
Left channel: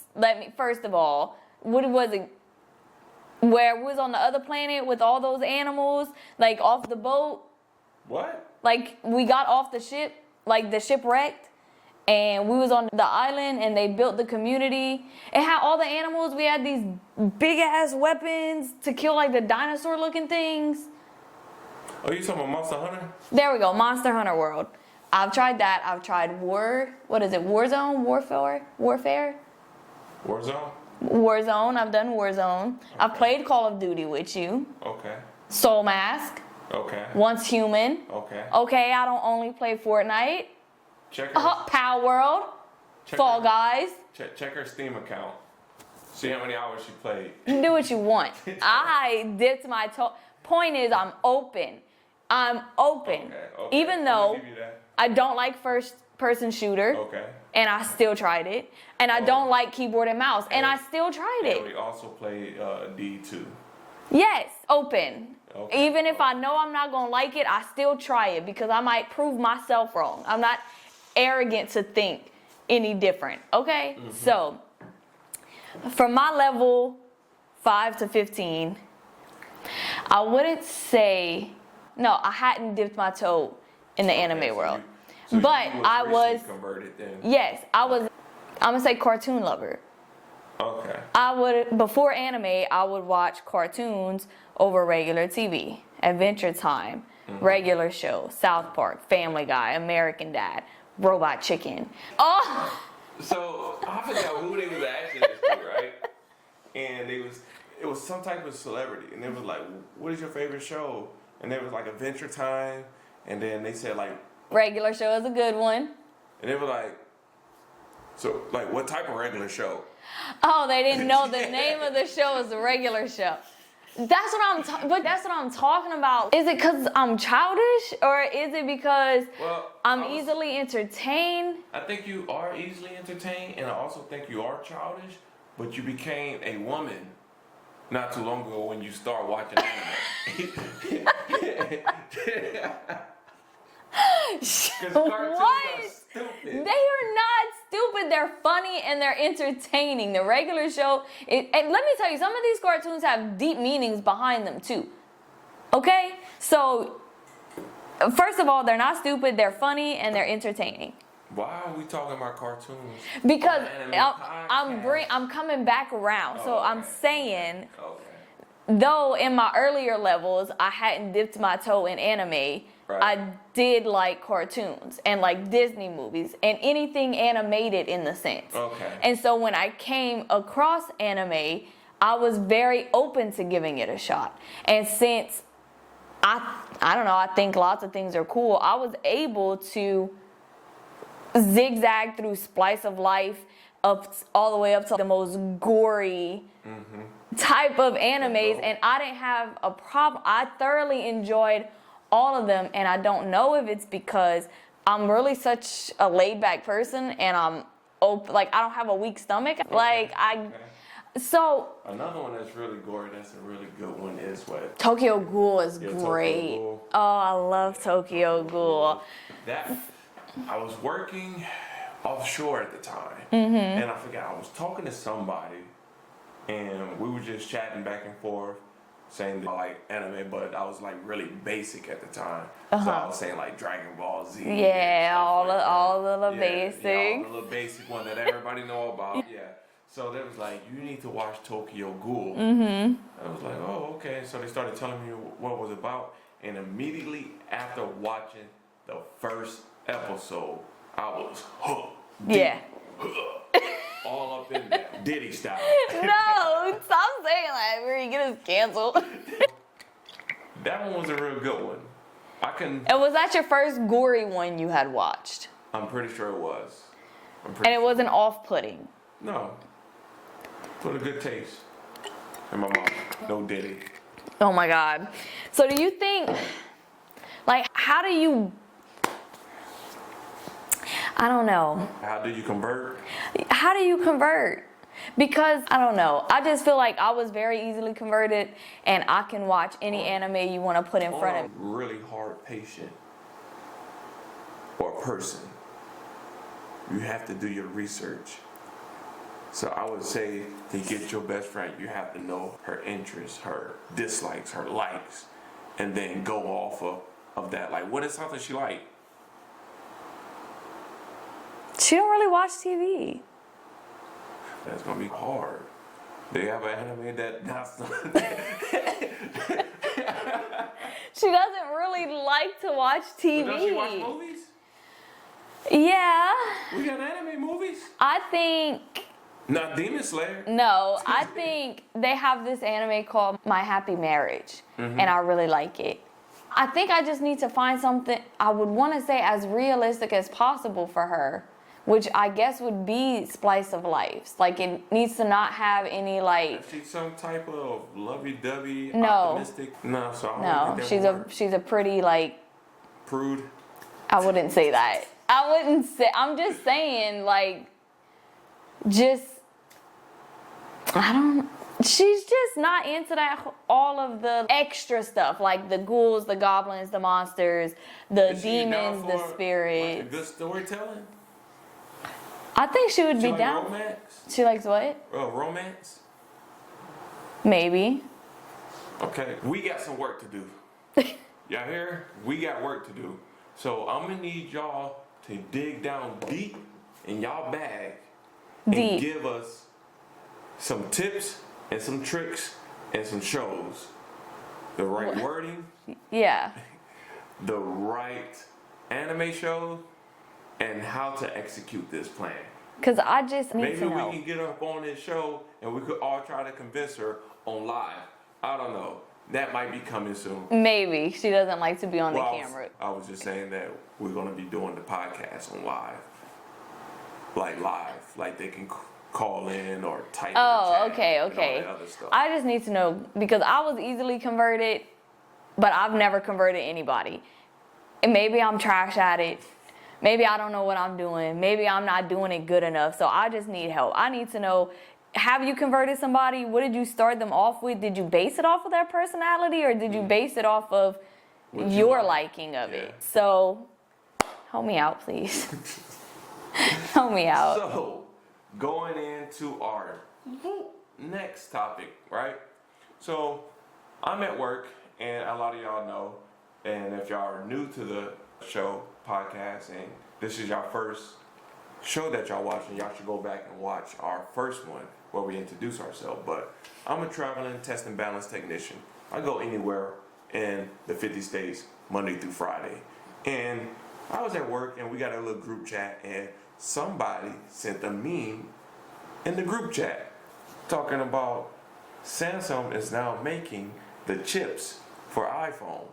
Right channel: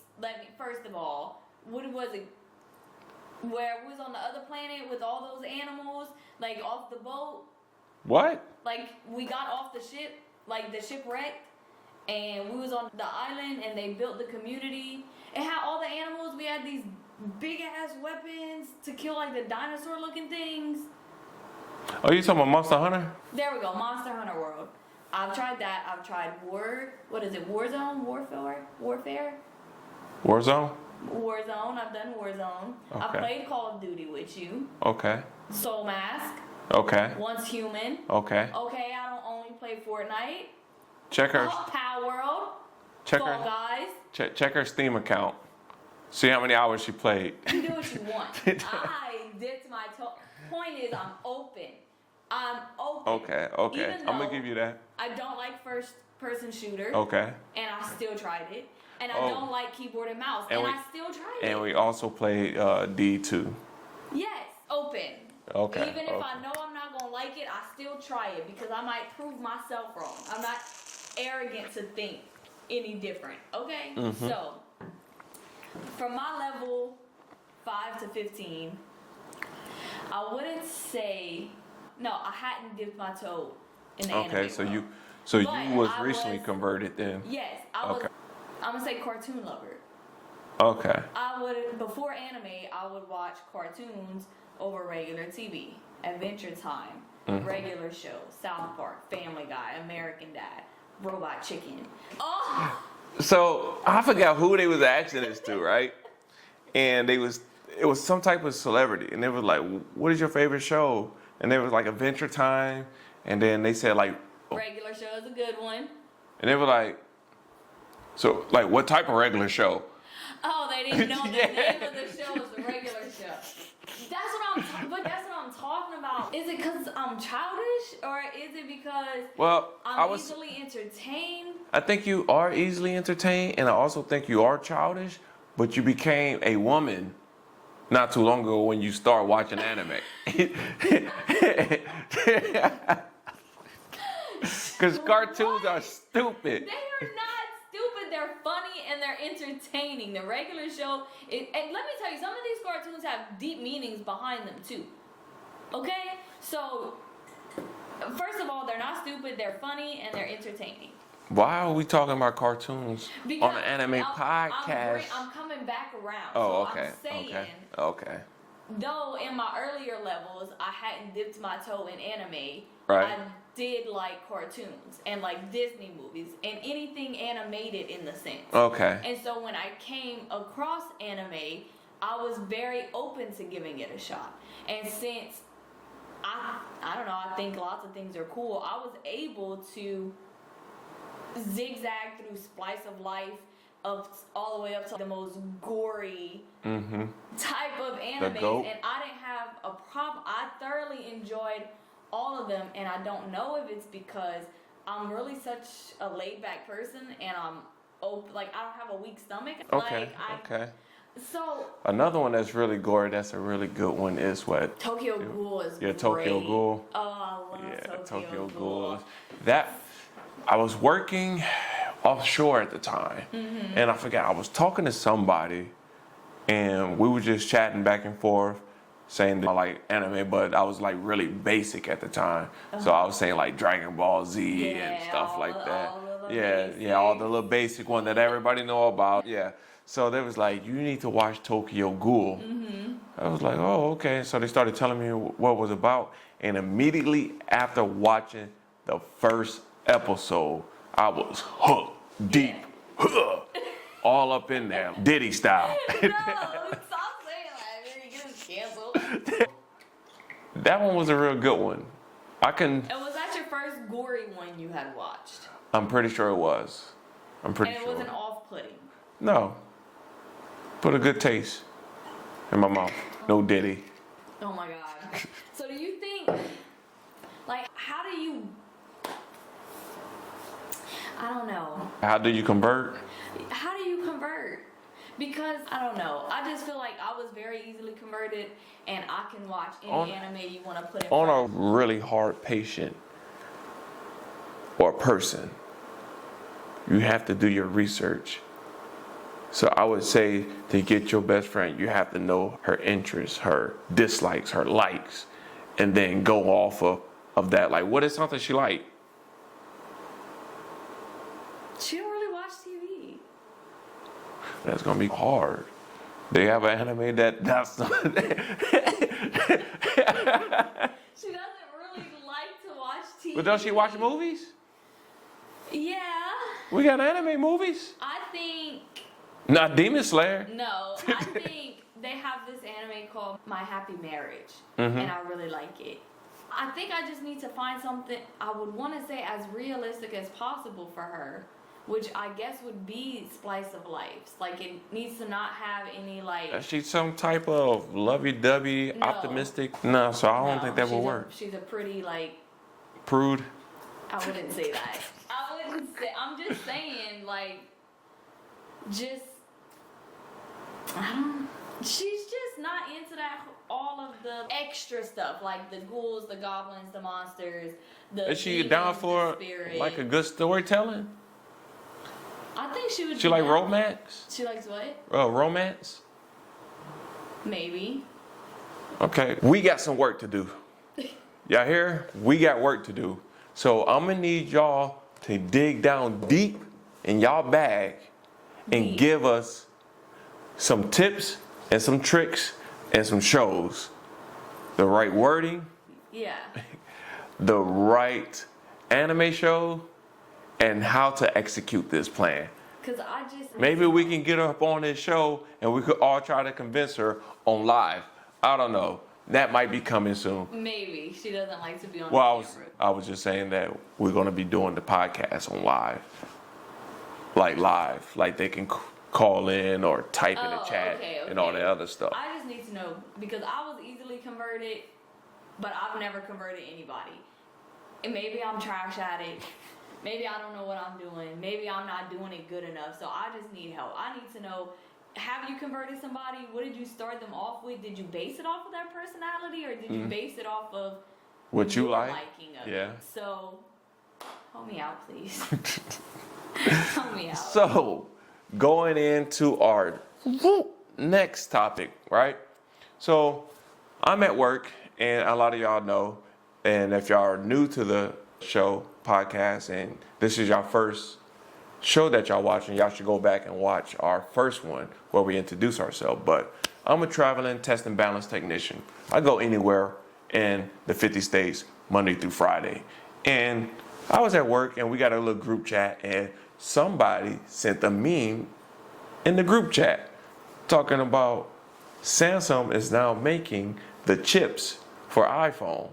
First of all, what was it? Where we was on the other planet with all those animals, like off the boat. What? Like we got off the ship, like the ship wrecked, and we was on the island, and they built the community. It had all the animals. We had these big ass weapons to kill like the dinosaur looking things. Oh, you talking about Monster Hunter? There we go, Monster Hunter World. I've tried that. I've tried Warzone, Warfare? Warzone. I've done Warzone. Okay. I've played Call of Duty with you. Okay. Soul Mask. Okay. Once Human. Okay. Okay, I don't only play Fortnite. Check her. Power World. Fall Guys. Check her Steam account. See how many hours she played. You can do what you want. I dipped my toe. Point is, I'm open. Okay. Even I'm though gonna give you that. I don't like first-person shooter. Okay. And I still tried it. And I don't like keyboard and mouse. And I still tried it. And we also played D2. Yes, open. Okay. Even if I know I'm not gonna like it, I still try it because I might prove myself wrong. I'm not arrogant to think any different. Okay? Mm-hmm. So, from my level 5 to 15, I wouldn't say, no, I hadn't dipped my toe in the anime world. So but you was I recently converted then? Yes, I'm gonna say cartoon lover. Okay. Before anime, I would watch cartoons over regular TV. Adventure Time, regular show, South Park, Family Guy, American Dad, Robot Chicken. Oh! So I forgot who they was asking this to, right? And it was some type of celebrity, and they was like, "What is your favorite show?" And there was like Adventure Time, and then they said like, regular show is a good one. and they were like, "So like, what type of regular show?" Oh, they didn't know the name of the show is a regular show. That's what I'm talking about. Is it because I'm childish, or is it because I'm easily entertained? I think you are easily entertained, and I also think you are childish, but you became a woman not too long ago when you start watching anime. Because cartoons are stupid. They are not stupid. They're funny and they're entertaining. The regular show, and let me tell you, some of these cartoons have deep meanings behind them too. Okay? So, first of all, they're not stupid. They're funny and they're entertaining. Why are we talking about cartoons because on an anime podcast? I'm coming back around. So okay, I'm saying, okay. Though in my earlier levels, I hadn't dipped my toe in anime, right. I did like cartoons and like Disney movies and anything animated in the sense. Okay. And so when I came across anime, I was very open to giving it a shot. And since I don't know, I think lots of things are cool, I was able to zigzag through slice of life all the way up to the most gory type of animes, and I didn't have a problem. I thoroughly enjoyed all of them, and I don't know if it's because I'm really such a laid back person and I'm open, like I don't have a weak stomach. So another one that's really gory, that's a really good one, is what? Tokyo Ghoul is great. Tokyo Ghoul. Oh, I love Tokyo Ghoul. I was working offshore at the time, and I forgot, I was talking to somebody, and we were just chatting back and forth, saying that I like anime, but I was like really basic at the time. So I was saying like Dragon Ball Z and stuff all like that. all the little basics. Yeah, all the little basic one that everybody know about. Yeah. So they was like, you need to watch Tokyo Ghoul. I was like, oh, okay. So they started telling me what it was about. And immediately after watching the first episode, I was hooked. Deep. All up in there, Diddy style. No, stop saying that. We're gonna get us canceled. That one was a real good one. And was that your first gory one you had watched? I'm pretty sure it was. And it wasn't off-putting? No. Put a good taste in my mouth. No Diddy. Oh my God. So do you think, like, how do you, I don't know. How do you convert? How do you convert? Because, I don't know. I just feel like I was very easily converted and I can watch any anime you want to put in front On of a really hard patient or person, you have to do your research. So I would say to get your best friend, you have to know her interests, her dislikes, her likes, and then go off of that. Like, what is something she like? She don't really watch TV. That's gonna be hard. They have an anime that's She doesn't really like to watch TV. But does she watch movies? Yeah. We got anime movies. I think, Not Demon Slayer. no, I think they have this anime called My Happy Marriage, and I really like it. I think I just need to find something I would want to say as realistic as possible for her, which I guess would be Slice of Life. Like, it needs to not have any, like... Is she some type of lovey-dovey, No. optimistic? No, so I don't think that would work. She's a pretty, like... Prude? I wouldn't say that. I wouldn't say... I'm just saying, like... Just... I don't... She's just not into that, all of the extra stuff, like the ghouls, the goblins, the monsters, the Is she down demons, for the spirit. like a good storytelling? I think she would She be like down. romance? She likes what? Romance? Maybe. Okay, we got some work to do. Y'all hear? We got work to do. So I'm gonna need y'all to dig down deep in y'all bag and Deep. give us some tips and some tricks and some shows. The right wording, Yeah. the right anime show, and how to execute this plan. Because I just need Maybe to we know. can get her up on this show and we could all try to convince her on live. I don't know. That might be coming soon. Maybe. She doesn't like to be on the camera. I was just saying that we're going to be doing the podcast on live. Like they can call in or type in the chat okay. and all that other stuff. I just need to know, because I was easily converted, but I've never converted anybody. And maybe I'm trash at it. Maybe I don't know what I'm doing. Maybe I'm not doing it good enough. So I just need help. I need to know, have you converted somebody? What did you start them off with? Did you base it off of their personality, or did you base it off of What you your like. liking of Yeah. it? So help me out, please. Help me out. So, going into our next topic, right? So, I'm at work, and a lot of y'all know, and if y'all are new to the show, podcast, and this is your first show that y'all watching, y'all should go back and watch our first one where we introduce ourselves. But I'm a traveling test and balance technician. I go anywhere in the 50 states Monday through Friday. And I was at work and we got a little group chat, and somebody sent a meme in the group chat talking about Samsung is now making the chips for iPhone.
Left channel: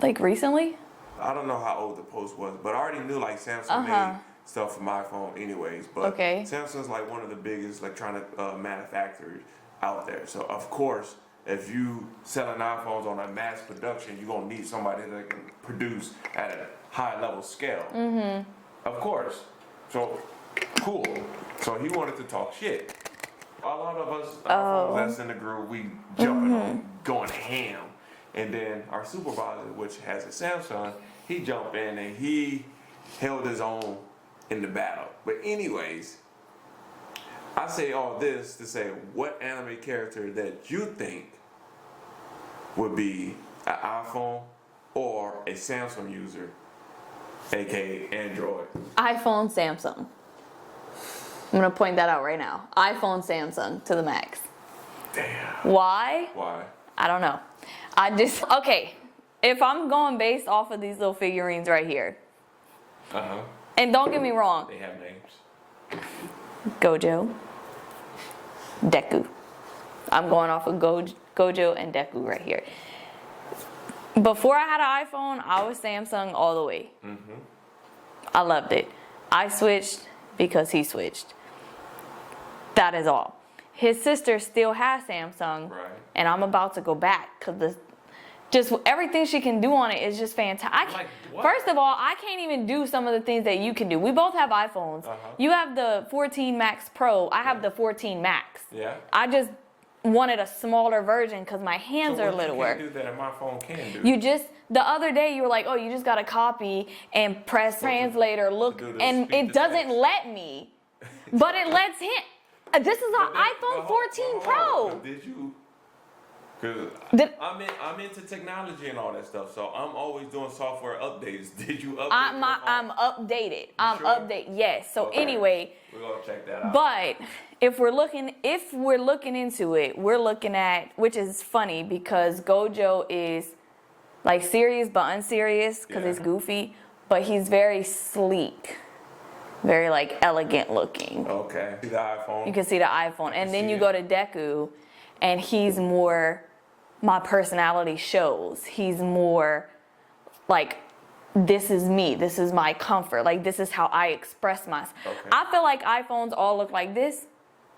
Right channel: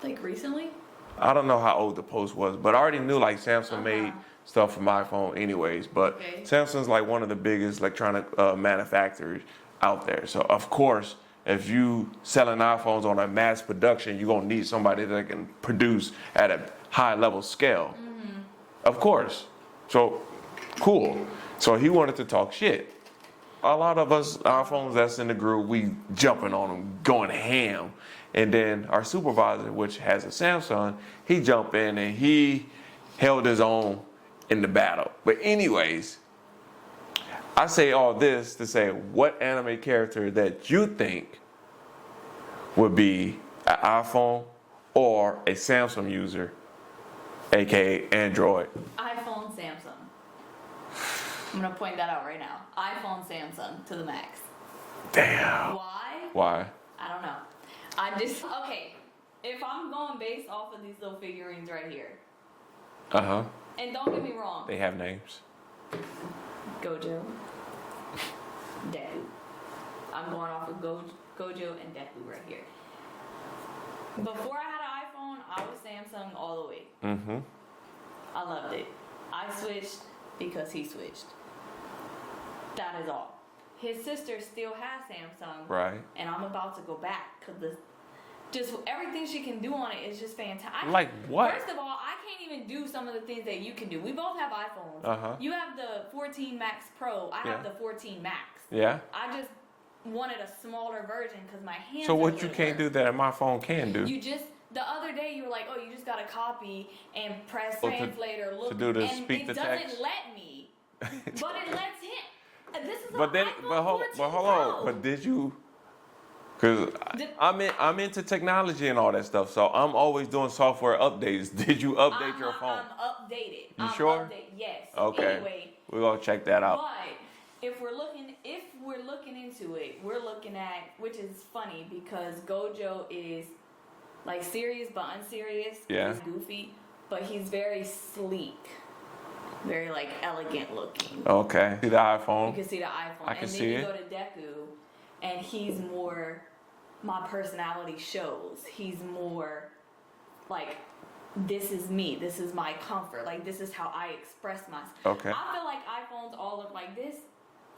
Like recently? I don't know how old the post was, but I already knew like Samsung made stuff for my iPhone anyways. But Samsung's like one of the biggest electronic manufacturers out there. So of course, if you selling iPhones on a mass production, you're gonna need somebody that can produce at a high level scale. Of course. So cool. So he wanted to talk shit. A lot of us iPhones that's in the group, we jumping on them, going ham. And then our supervisor, which has a Samsung, he jumped in and he held his own in the battle. But anyways, I say all this to say, what anime character that you think would be an iPhone or a Samsung user, aka Android. iPhone, Samsung. I'm gonna point that out right now. iPhone, Samsung to the max. Damn. Why? Why? I don't know. Okay, if I'm going based off of these little figurines right here, and don't get me wrong, They have names. Gojo, Deku. I'm going off of Gojo and Deku right here. Before I had an iPhone, I was Samsung all the way. I loved it. I switched because he switched. That is all. His sister still has Samsung. Right. And I'm about to go back because just everything she can do on it is just fantastic. Like what? First of all, I can't even do some of the things that you can do. We both have iPhones. You have the 14 Max Pro. I have the 14 Max. Yeah. I just wanted a smaller version because my hands So are what littler. you can't do that my phone can do? The other day you were like, oh, you just gotta copy and press translate or look, do the and speak it to doesn't text. let me, but it lets him. This is an iPhone 14 Pro. But did you? Because I'm into technology and all that stuff, so I'm always doing software updates. Did you update your phone? I'm updated. Sure? Updated. Yes. So Okay. Anyway, We're gonna check that out. but if we're looking into it, we're looking at, which is funny because Gojo is like serious but unserious because he's goofy, but he's very sleek, very like elegant looking. Okay. See the iPhone. You can see the iPhone, and then you it. go to Deku, and he's more. My personality shows. He's more like, this is me. This is my comfort. Like, this is how I express myself. Okay. I feel like iPhones all look like this,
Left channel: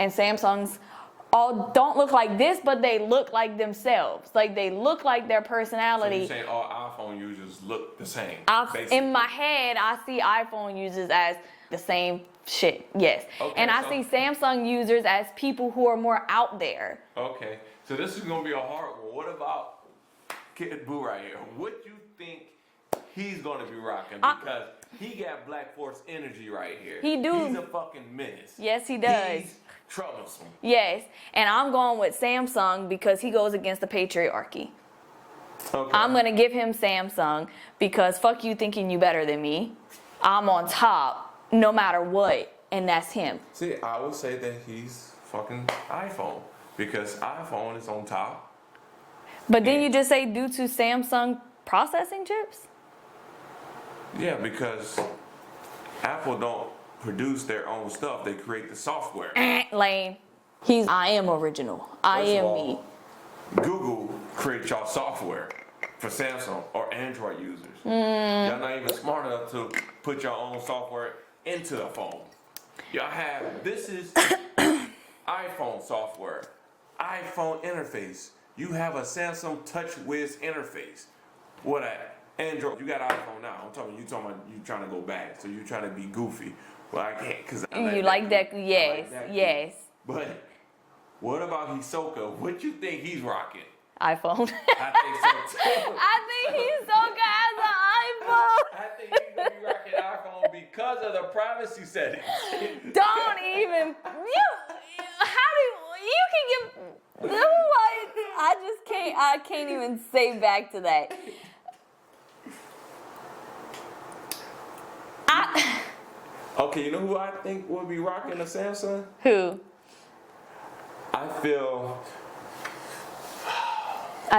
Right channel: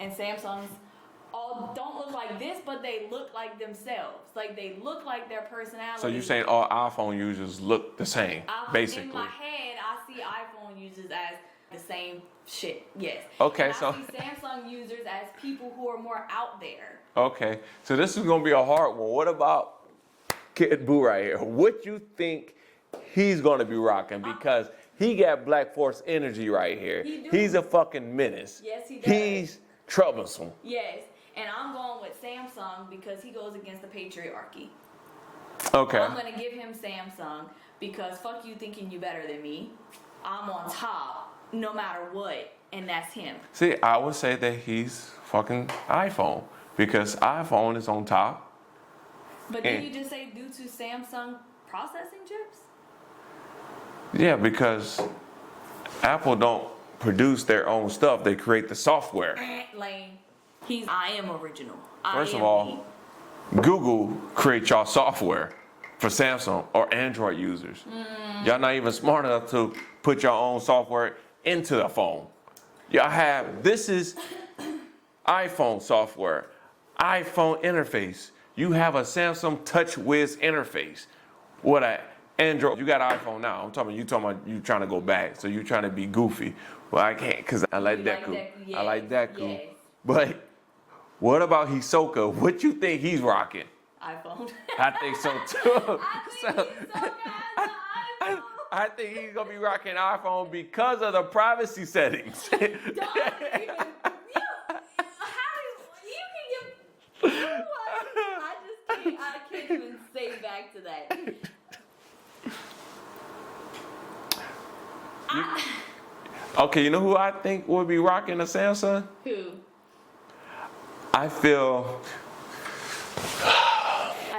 and Samsungs all don't look like this, but they look like themselves. Like, they look like their So personality. you're saying all iPhone users look the same, basically? In my head, I see iPhone users as the same shit, yes. Okay, and I so- see Samsung users as people who are more out there. Okay, so this is gonna be a hard one. What about Kid Boo right here? What you think he's gonna be rocking? Because he got Black Force energy right here. He do. He's a fucking menace. Yes, he does. He's troublesome. Yes, and I'm going with Samsung because he goes against the patriarchy. Okay. I'm gonna give him Samsung because fuck you thinking you better than me. I'm on top no matter what, and that's him. See, I would say that he's fucking iPhone because iPhone is on top. But then And- you just say due to Samsung processing chips? Yeah, because Apple don't produce their own stuff. They create the software. Lame. I am original. I First of am all, me. Google creates y'all software for Samsung or Android users. Y'all not even smart enough to put your own software into the phone. Y'all have, this is iPhone software, iPhone interface. You have a Samsung TouchWiz interface. What a Android, you got an iPhone now. you talking about you trying to go back, so you trying to be goofy. Well, I can't, because I like You like Deku, yes, I like Deku. yes. But what about Hisoka? What you think he's rocking? iPhone. I think so too. I think he's so good as an iPhone. I think he's gonna be rocking iPhone because of the privacy settings. Don't even. I can't even say back to that. Okay, you know who I think would be rocking a Samsung? Who? I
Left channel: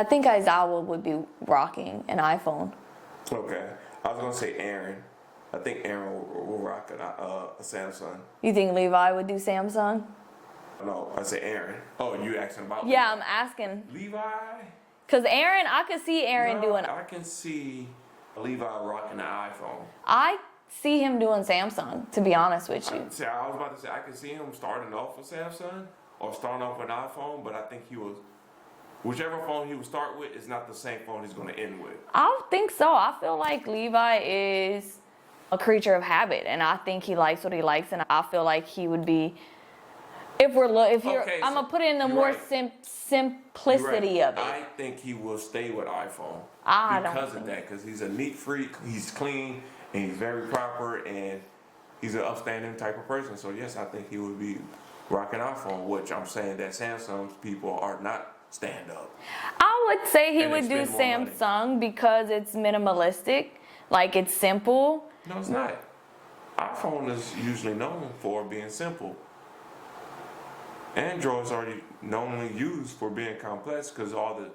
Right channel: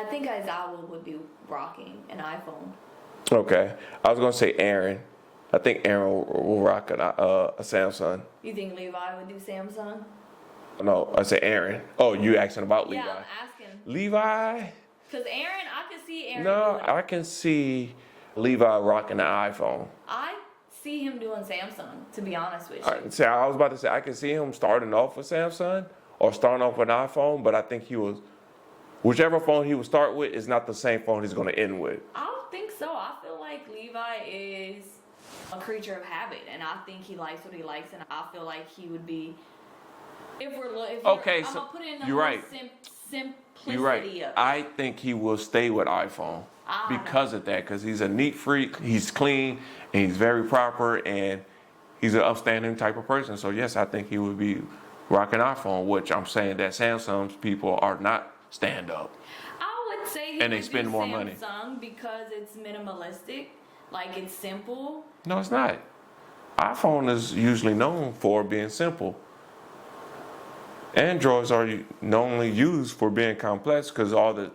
think Aizawa would be rocking an iPhone. Okay, I was gonna say Aaron. I think Aaron will rock a Samsung. You think Levi would do Samsung? No, I say Aaron. Oh, you asking about Levi? Yeah, I'm asking. Levi? Cause Aaron, I could see Aaron doing. I can see Levi rocking the iPhone. I see him doing Samsung. To be honest with you. See, I was about to say I can see him starting off with Samsung or starting off with an iPhone, but I think whichever phone he would start with is not the same phone he's going to end with. I don't think so. I feel like Levi is a creature of habit, and I think he likes what he likes, and I feel like he would be. I'm gonna put it in the more simplicity of it. I think he will stay with iPhone because of that, because he's a neat freak, he's clean, and he's very proper, and he's an upstanding type of person. So yes, I think he would be rocking iPhone, which I'm saying that Samsung's people are not stand up. I would would say he And they would do spend more money. Samsung because it's minimalistic, like it's simple. No, it's not. iPhone is usually known for being simple. Androids are normally used for being complex because all the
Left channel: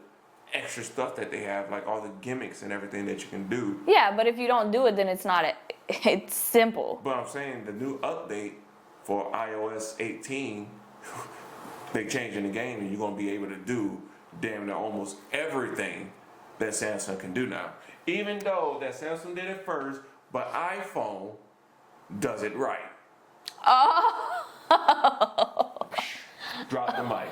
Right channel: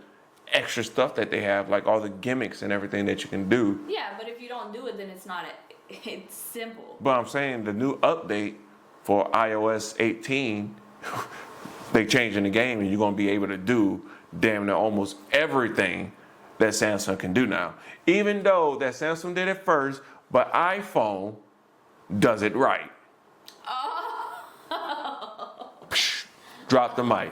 extra stuff that they have, like all the gimmicks and everything that you can do. Yeah, but if you don't do it, then it's not. It's simple. But I'm saying the new update for iOS 18, they changing the game and you're gonna be able to do damn near almost everything that Samsung can do now. Even though that Samsung did it first, but iPhone does it right. Oh. Drop the mic.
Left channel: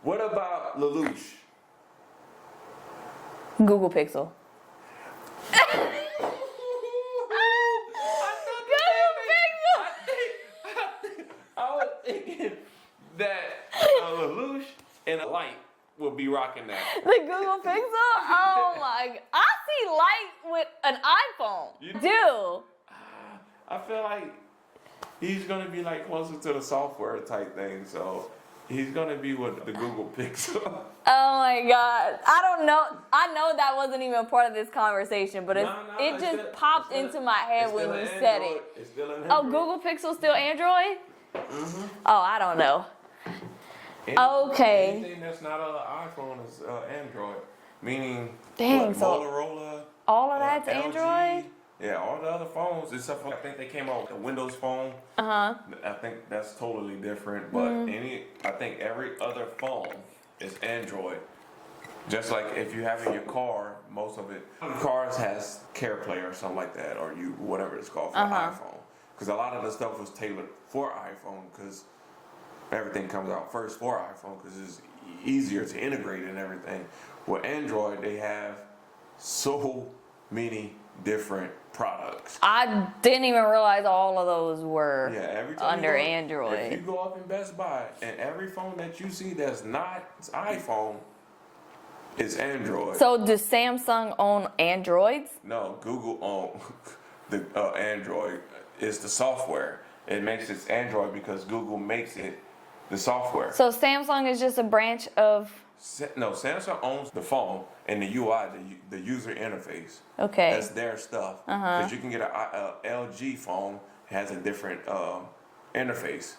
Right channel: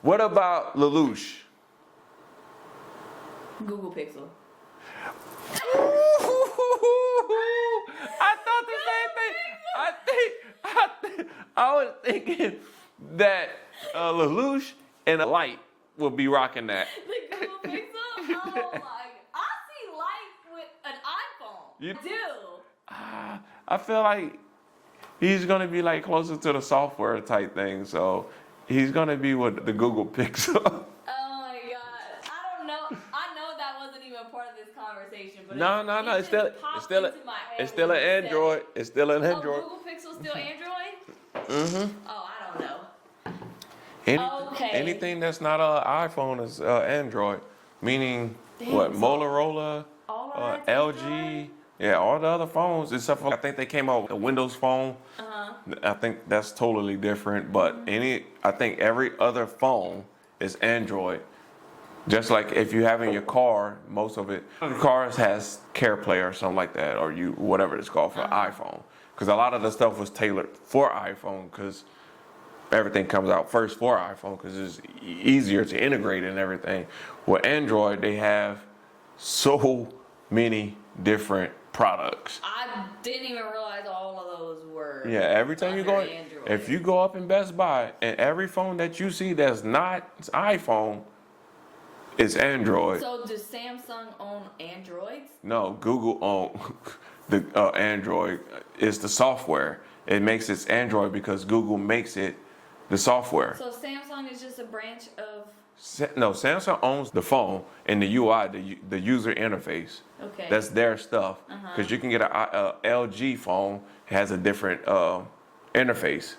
What about Lelouch? Google Pixel. I thought the same thing. I was thinking that Lelouch and a Light will be rocking that. The Google Pixel? Oh my! I see Light with an iPhone. You do? I feel like he's gonna be like closer to the software type thing, so he's gonna be with the Google Pixel. Oh my God! I don't know. I know that wasn't even a part of this conversation, but it just popped into my head. It's still when an you said Android. it. It's still an Oh, Android. Google Pixel still Android? Oh, I don't know. Okay. Anything that's not an iPhone is Android, meaning Dang, what, so Motorola, all of that's LG. Android? Yeah, all the other phones, except for I think they came out with a Windows phone. I think that's totally different, but I think every other phone is Android. Just like if you have in your car, most of it, cars has CarPlay or something like that, or whatever it's called for iPhone. Because a lot of the stuff was tailored for iPhone, because everything comes out first for iPhone, because it's easier to integrate and everything. With Android, they have so many different products. I didn't even realize all of those were Every time under you go, Android. if you go up in Best Buy and every phone that you see that's not iPhone is Android. So does Samsung own Androids? No, Google owns the Android. Is the software. It makes it Android because Google makes it the software. So Samsung is just a branch of. No, Samsung owns the phone and the UI, the user interface. Okay. That's their stuff. Because you can get a LG phone, it has a different interface,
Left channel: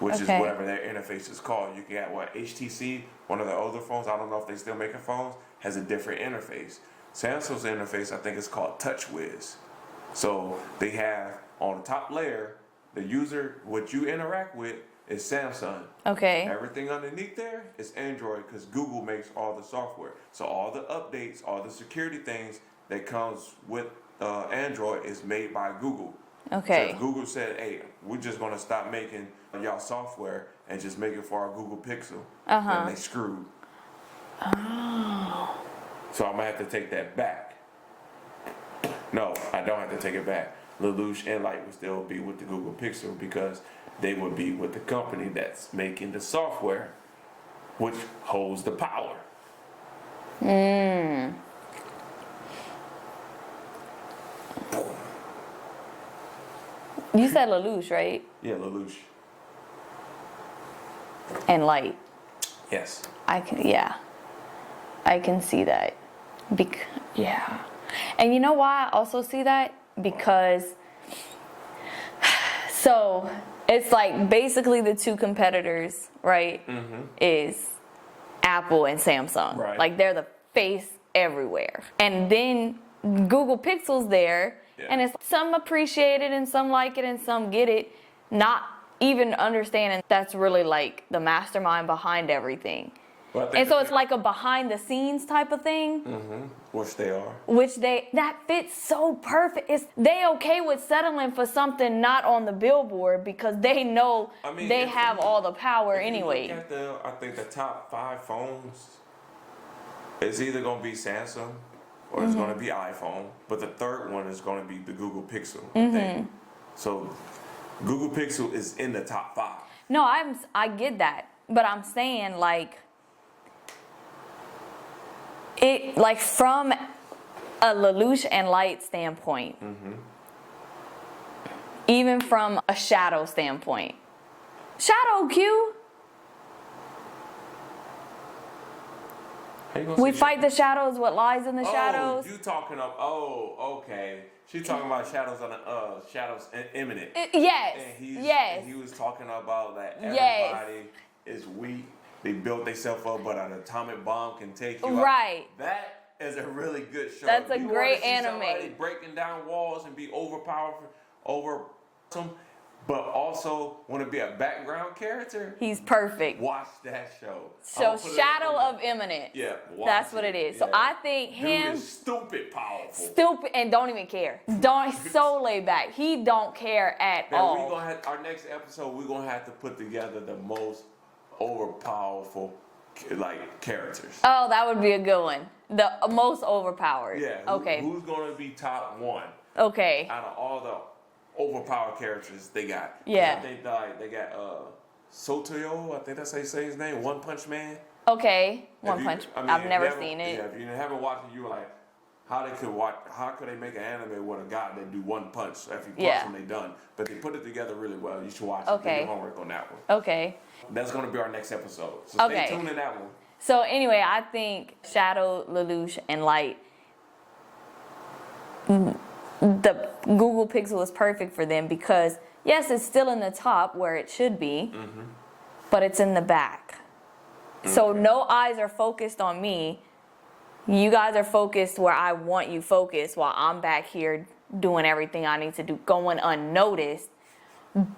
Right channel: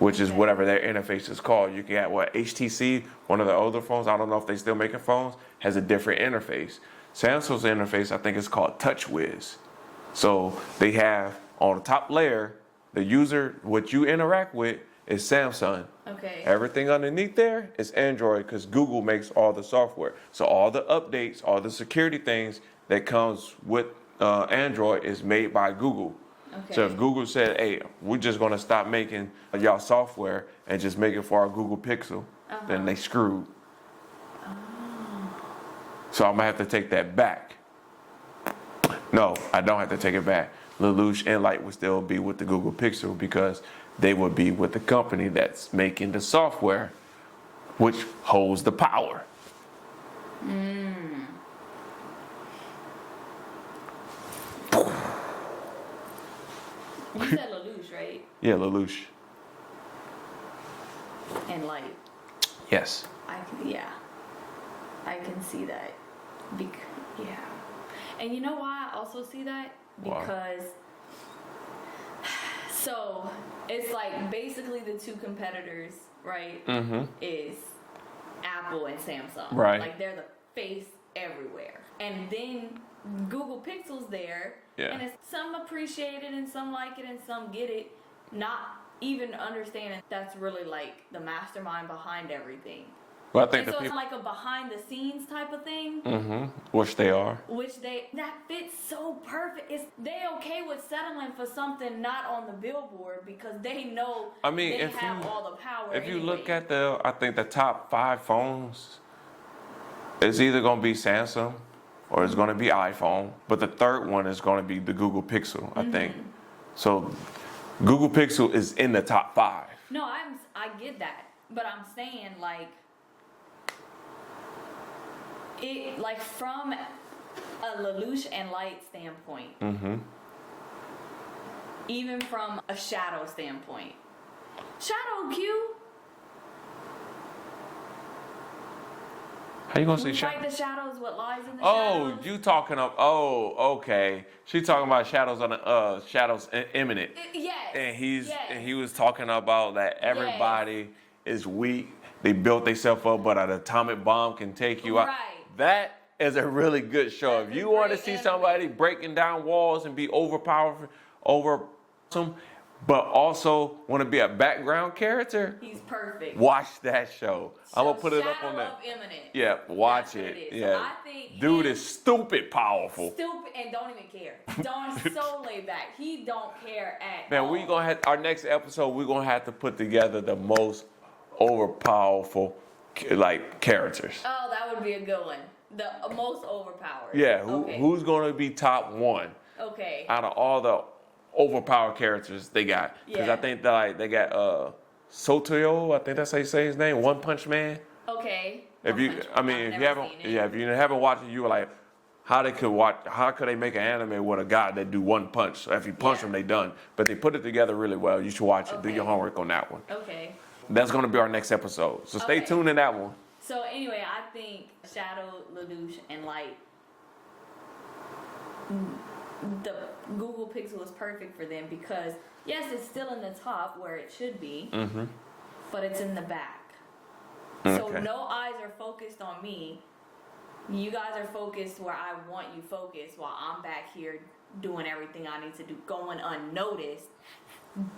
which is whatever their interface is called. You can get HTC, one of the older phones, I don't know if they still making phones, has a different interface. Samsung's interface, I think it's called TouchWiz. So they have on the top layer, the user, what you interact with is Samsung. Okay. Everything underneath there is Android because Google makes all the software. So all the updates, all the security things that comes with Android is made by Google. Okay. So if Google said, hey, we're just going to stop making y'all software and just make it for our Google Pixel, then they screwed. Oh. So I'm going to have to take that back. No, I don't have to take it back. Lelouch and Light would still be with the Google Pixel because they would be with the company that's making the software, which holds the power. You said Lelouch, right? Yeah, Lelouch. And Light. Yes. I can see that. Yeah. And you know why I also see that? Because so it's like basically the two competitors, right? Is Apple and Samsung. Right. Like they're the face everywhere. And then Google Pixel's there, and it's some appreciate it and some like it and some get it, not even understanding that's really like the mastermind behind everything. Well, I think and so it's like a behind the scenes type of thing. Which they are. That fits so perfect. They okay with settling for something not on the billboard because they know they have all the power anyway. If you look at I think the top 5 phones, it's either going to be Samsung or it's going to be iPhone, but the third one is going to be the Google Pixel, I think. So Google Pixel is in the top 5. No, I get that, but I'm saying like from a Lelouch and Light standpoint, even from a shadow standpoint, Shadow Q. How you gonna We say fight the shadows. What lies in the shadows? Oh, you talking of? Oh, okay. She talking about shadows on the shadows imminent. Yes. And he was talking about that everybody is weak. They built themselves up, but an atomic bomb can take you out. Right. That is a really good show. That's if you want to see somebody breaking down walls and be overpowered, but also want to be a background character, he's perfect. watch that show. So I'm gonna put Shadow it up on of Imminent. Yeah, watch That's what it is. Yeah. So I think dude him, is stupid powerful. stupid and don't even care. So laid back. He don't care at Man, all. we gonna have our next episode. We're gonna have to put together the most overpowerful like characters. Oh, that would be a good one. The most overpowered. Yeah. Okay. Who's gonna be top one Okay. out of all the overpowered characters they got? 'Cause Yeah. I think that they got Sotoyo. I think that's how you say his name. One Punch Man. Okay. I've never seen it. Yeah, if you haven't watched it, you were like, how could they make an anime with a guy that do one punch? So if you punch them, they done. But they put it together really well. You should watch it. Do Okay. your homework on that one. Okay. That's gonna be our next episode. So stay Okay. tuned in that one. So anyway, I think Shadow, Lelouch, and Light, the Google Pixel is perfect for them because yes, it's still in the top where it should be, but it's in the back. So Okay. no eyes are focused on me. You guys are focused where I want you focused while I'm back here doing everything I need to do, going unnoticed,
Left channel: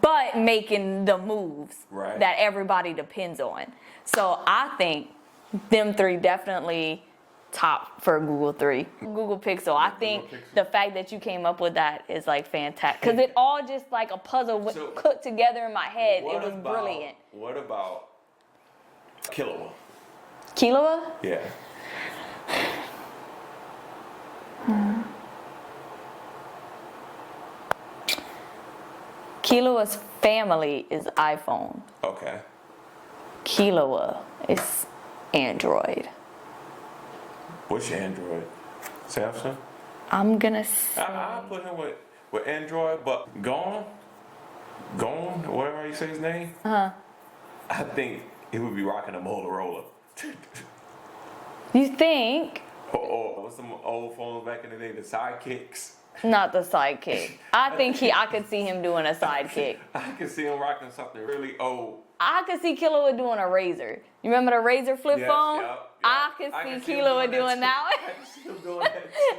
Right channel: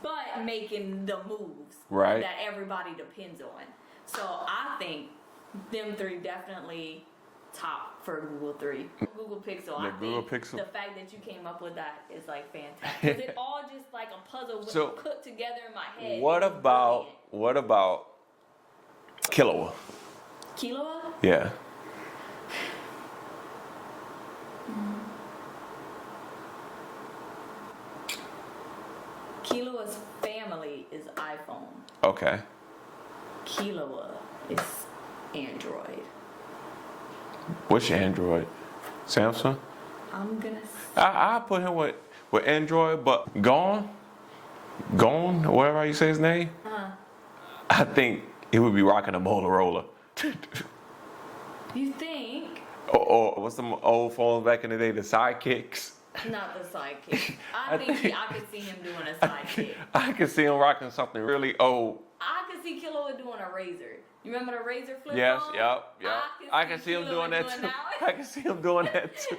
but making the moves that everybody depends on. So I think them three definitely top for Google Pixel. I think Pixel. the fact that you came up with that is like fantastic because it all just like a puzzle put together in my head. What it was about brilliant. Killua? Killua? Yeah. Killua's family is iPhone. Okay. Killua is Android. Which Android? Samsung? I'm gonna I put him with Android, but Gone, whatever you say his name. I think he would be rocking a Motorola. You think? or what's the old phones back in the day? The Sidekicks. Not the sidekick. I could see him doing a sidekick. I could see him rocking something really old. I could see Killua doing a Razor. You remember the Razor flip phone? Yep. I could see Killua doing that one. I can see him doing that too.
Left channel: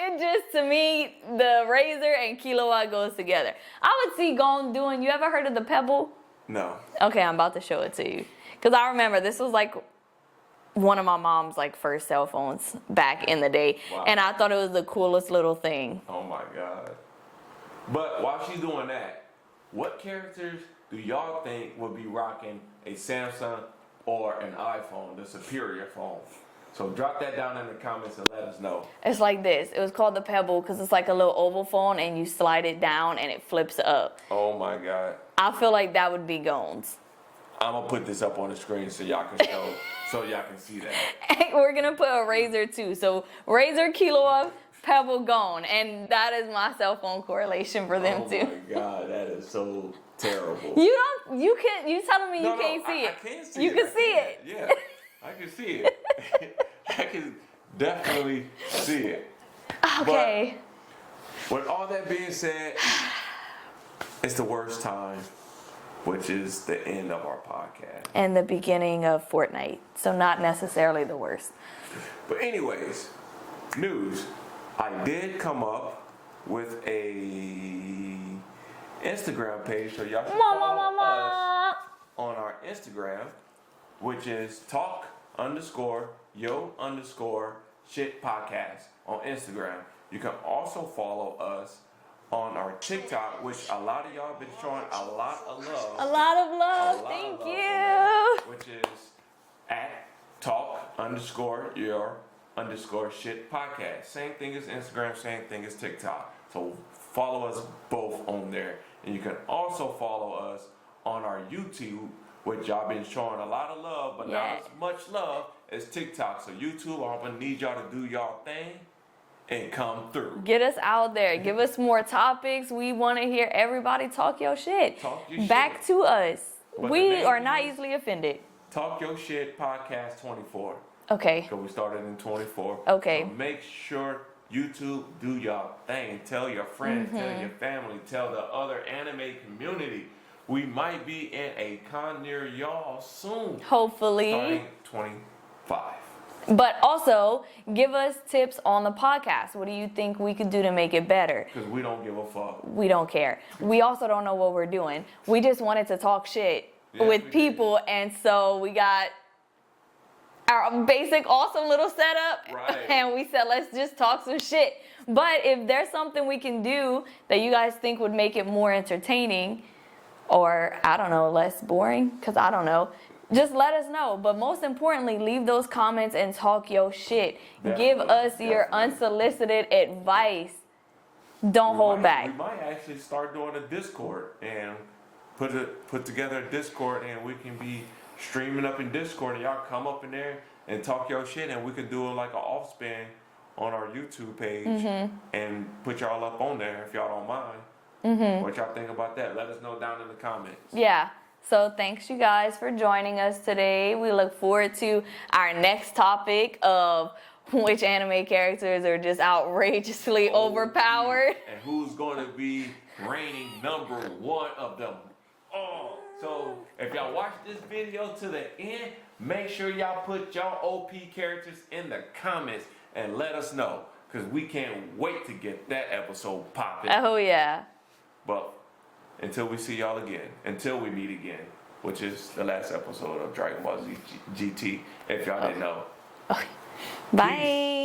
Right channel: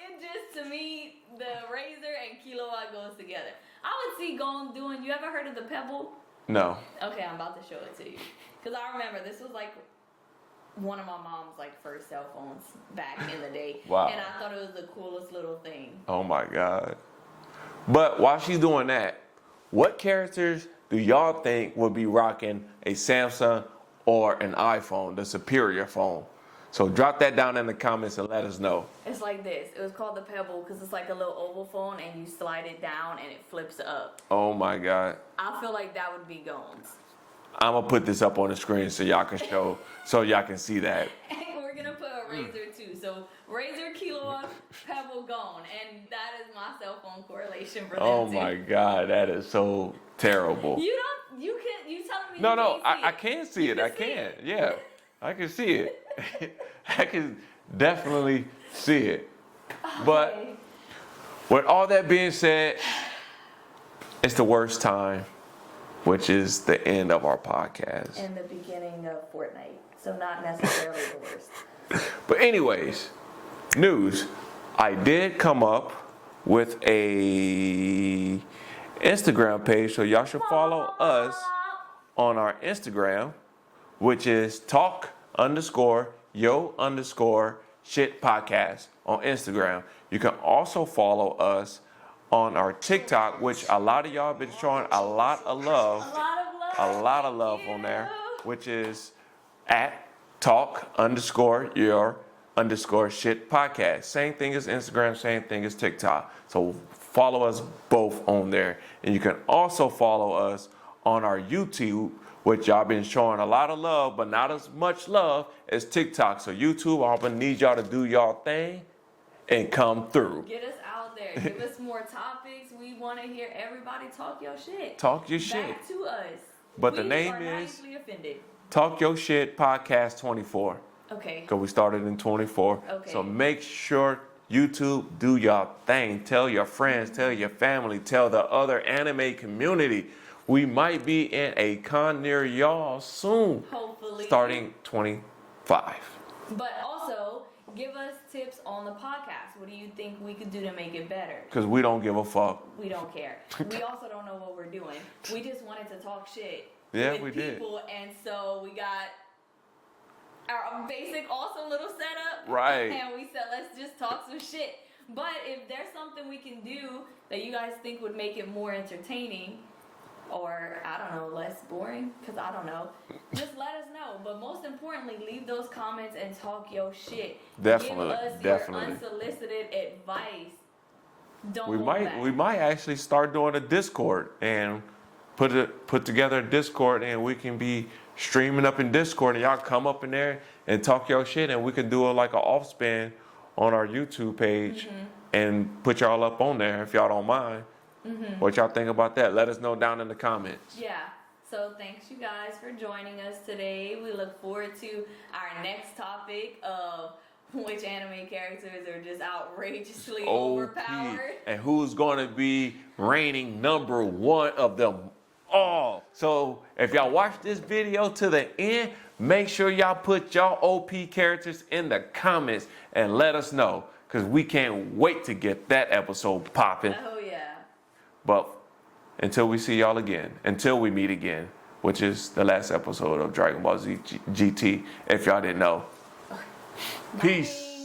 It just, to me, the Razor and Killua goes together. I would see Gon doing, you ever heard of the Pebble? No. Okay, I'm about to show it to you. Because I remember this was like one of my mom's like first cell phones back in the day. Wow. And I thought it was the coolest little thing. Oh my God. But while she's doing that, what characters do y'all think would be rocking a Samsung or an iPhone, the superior phone? So drop that down in the comments and let us know. It's like this. It was called the Pebble because it's like a little oval phone and you slide it down and it flips up. Oh my God. I feel like that would be Gon's. I'm gonna put this up on the screen so y'all can show, so y'all can see that. We're gonna put a Razor too. So Razor, Killua, Pebble, Gon, and that is my cell phone correlation for them too. Oh my God, that is so terrible. You telling me you can't see it? I can see you it. Can I see can. it. Yeah, I can see it. I can definitely see it. Okay. But with all that being said, it's the worst time, which is the end of our podcast. And the beginning of Fortnite. So not necessarily the worst. But anyways, news. I did come up with a Instagram page, so y'all should follow us on our Instagram, which is talk_yo_shit podcast on Instagram. You can also follow us on our TikTok, which a lot of y'all have been showing a lot of love. A lot of love on there, which is at talk_your_shit podcast. Same thing as Instagram, same thing as TikTok. So follow us both on there. And you can also follow us on our YouTube, which y'all been showing a lot of love, but not as much love as TikTok. So YouTube, I'm gonna need y'all to do y'all thing and come through. Get us out there. Give us more topics. We want to hear everybody talk your shit. Talk your shit. Back to us. But the we name are not is easily offended. Talk Your Shit Podcast 24. Okay. Because we started in 24. Okay. So make sure YouTube do your thing. Tell your friends, tell your family, tell the other anime community. We might be in a con near y'all soon. Hopefully. Starting 25. But also, give us tips on the podcast. What do you think we could do to make it better? Because we don't give a fuck. We don't care. We also don't know what we're doing. We just wanted to talk shit with people, and so we got our basic awesome little setup. Right. And we said, let's just talk some shit. But if there's something we can do that you guys think would make it more entertaining, or I don't know, less boring, because I don't know, just let us know. But most importantly, leave those comments and talk your shit. Give us your unsolicited advice. Don't hold back. We might actually start doing a Discord and put together a Discord, and we can be streaming up in Discord, and y'all come up in there and talk your shit, and we can do like an off spin on our YouTube page and put y'all up on there if y'all don't mind. What y'all think about that? Let us know down in the comments. Yeah. So thanks you guys for joining us today. We look forward to our next topic of which anime characters are just outrageously overpowered. And who's going to be reigning #1 of them all. So if y'all watch this video to the end, make sure y'all put y'all OP characters in the comments and let us know, because we can't wait to get that episode popping. Oh yeah. But until we see y'all again, until we meet again, which is the last episode of Dragon Ball Z GT, if y'all didn't know. Bye. Peace.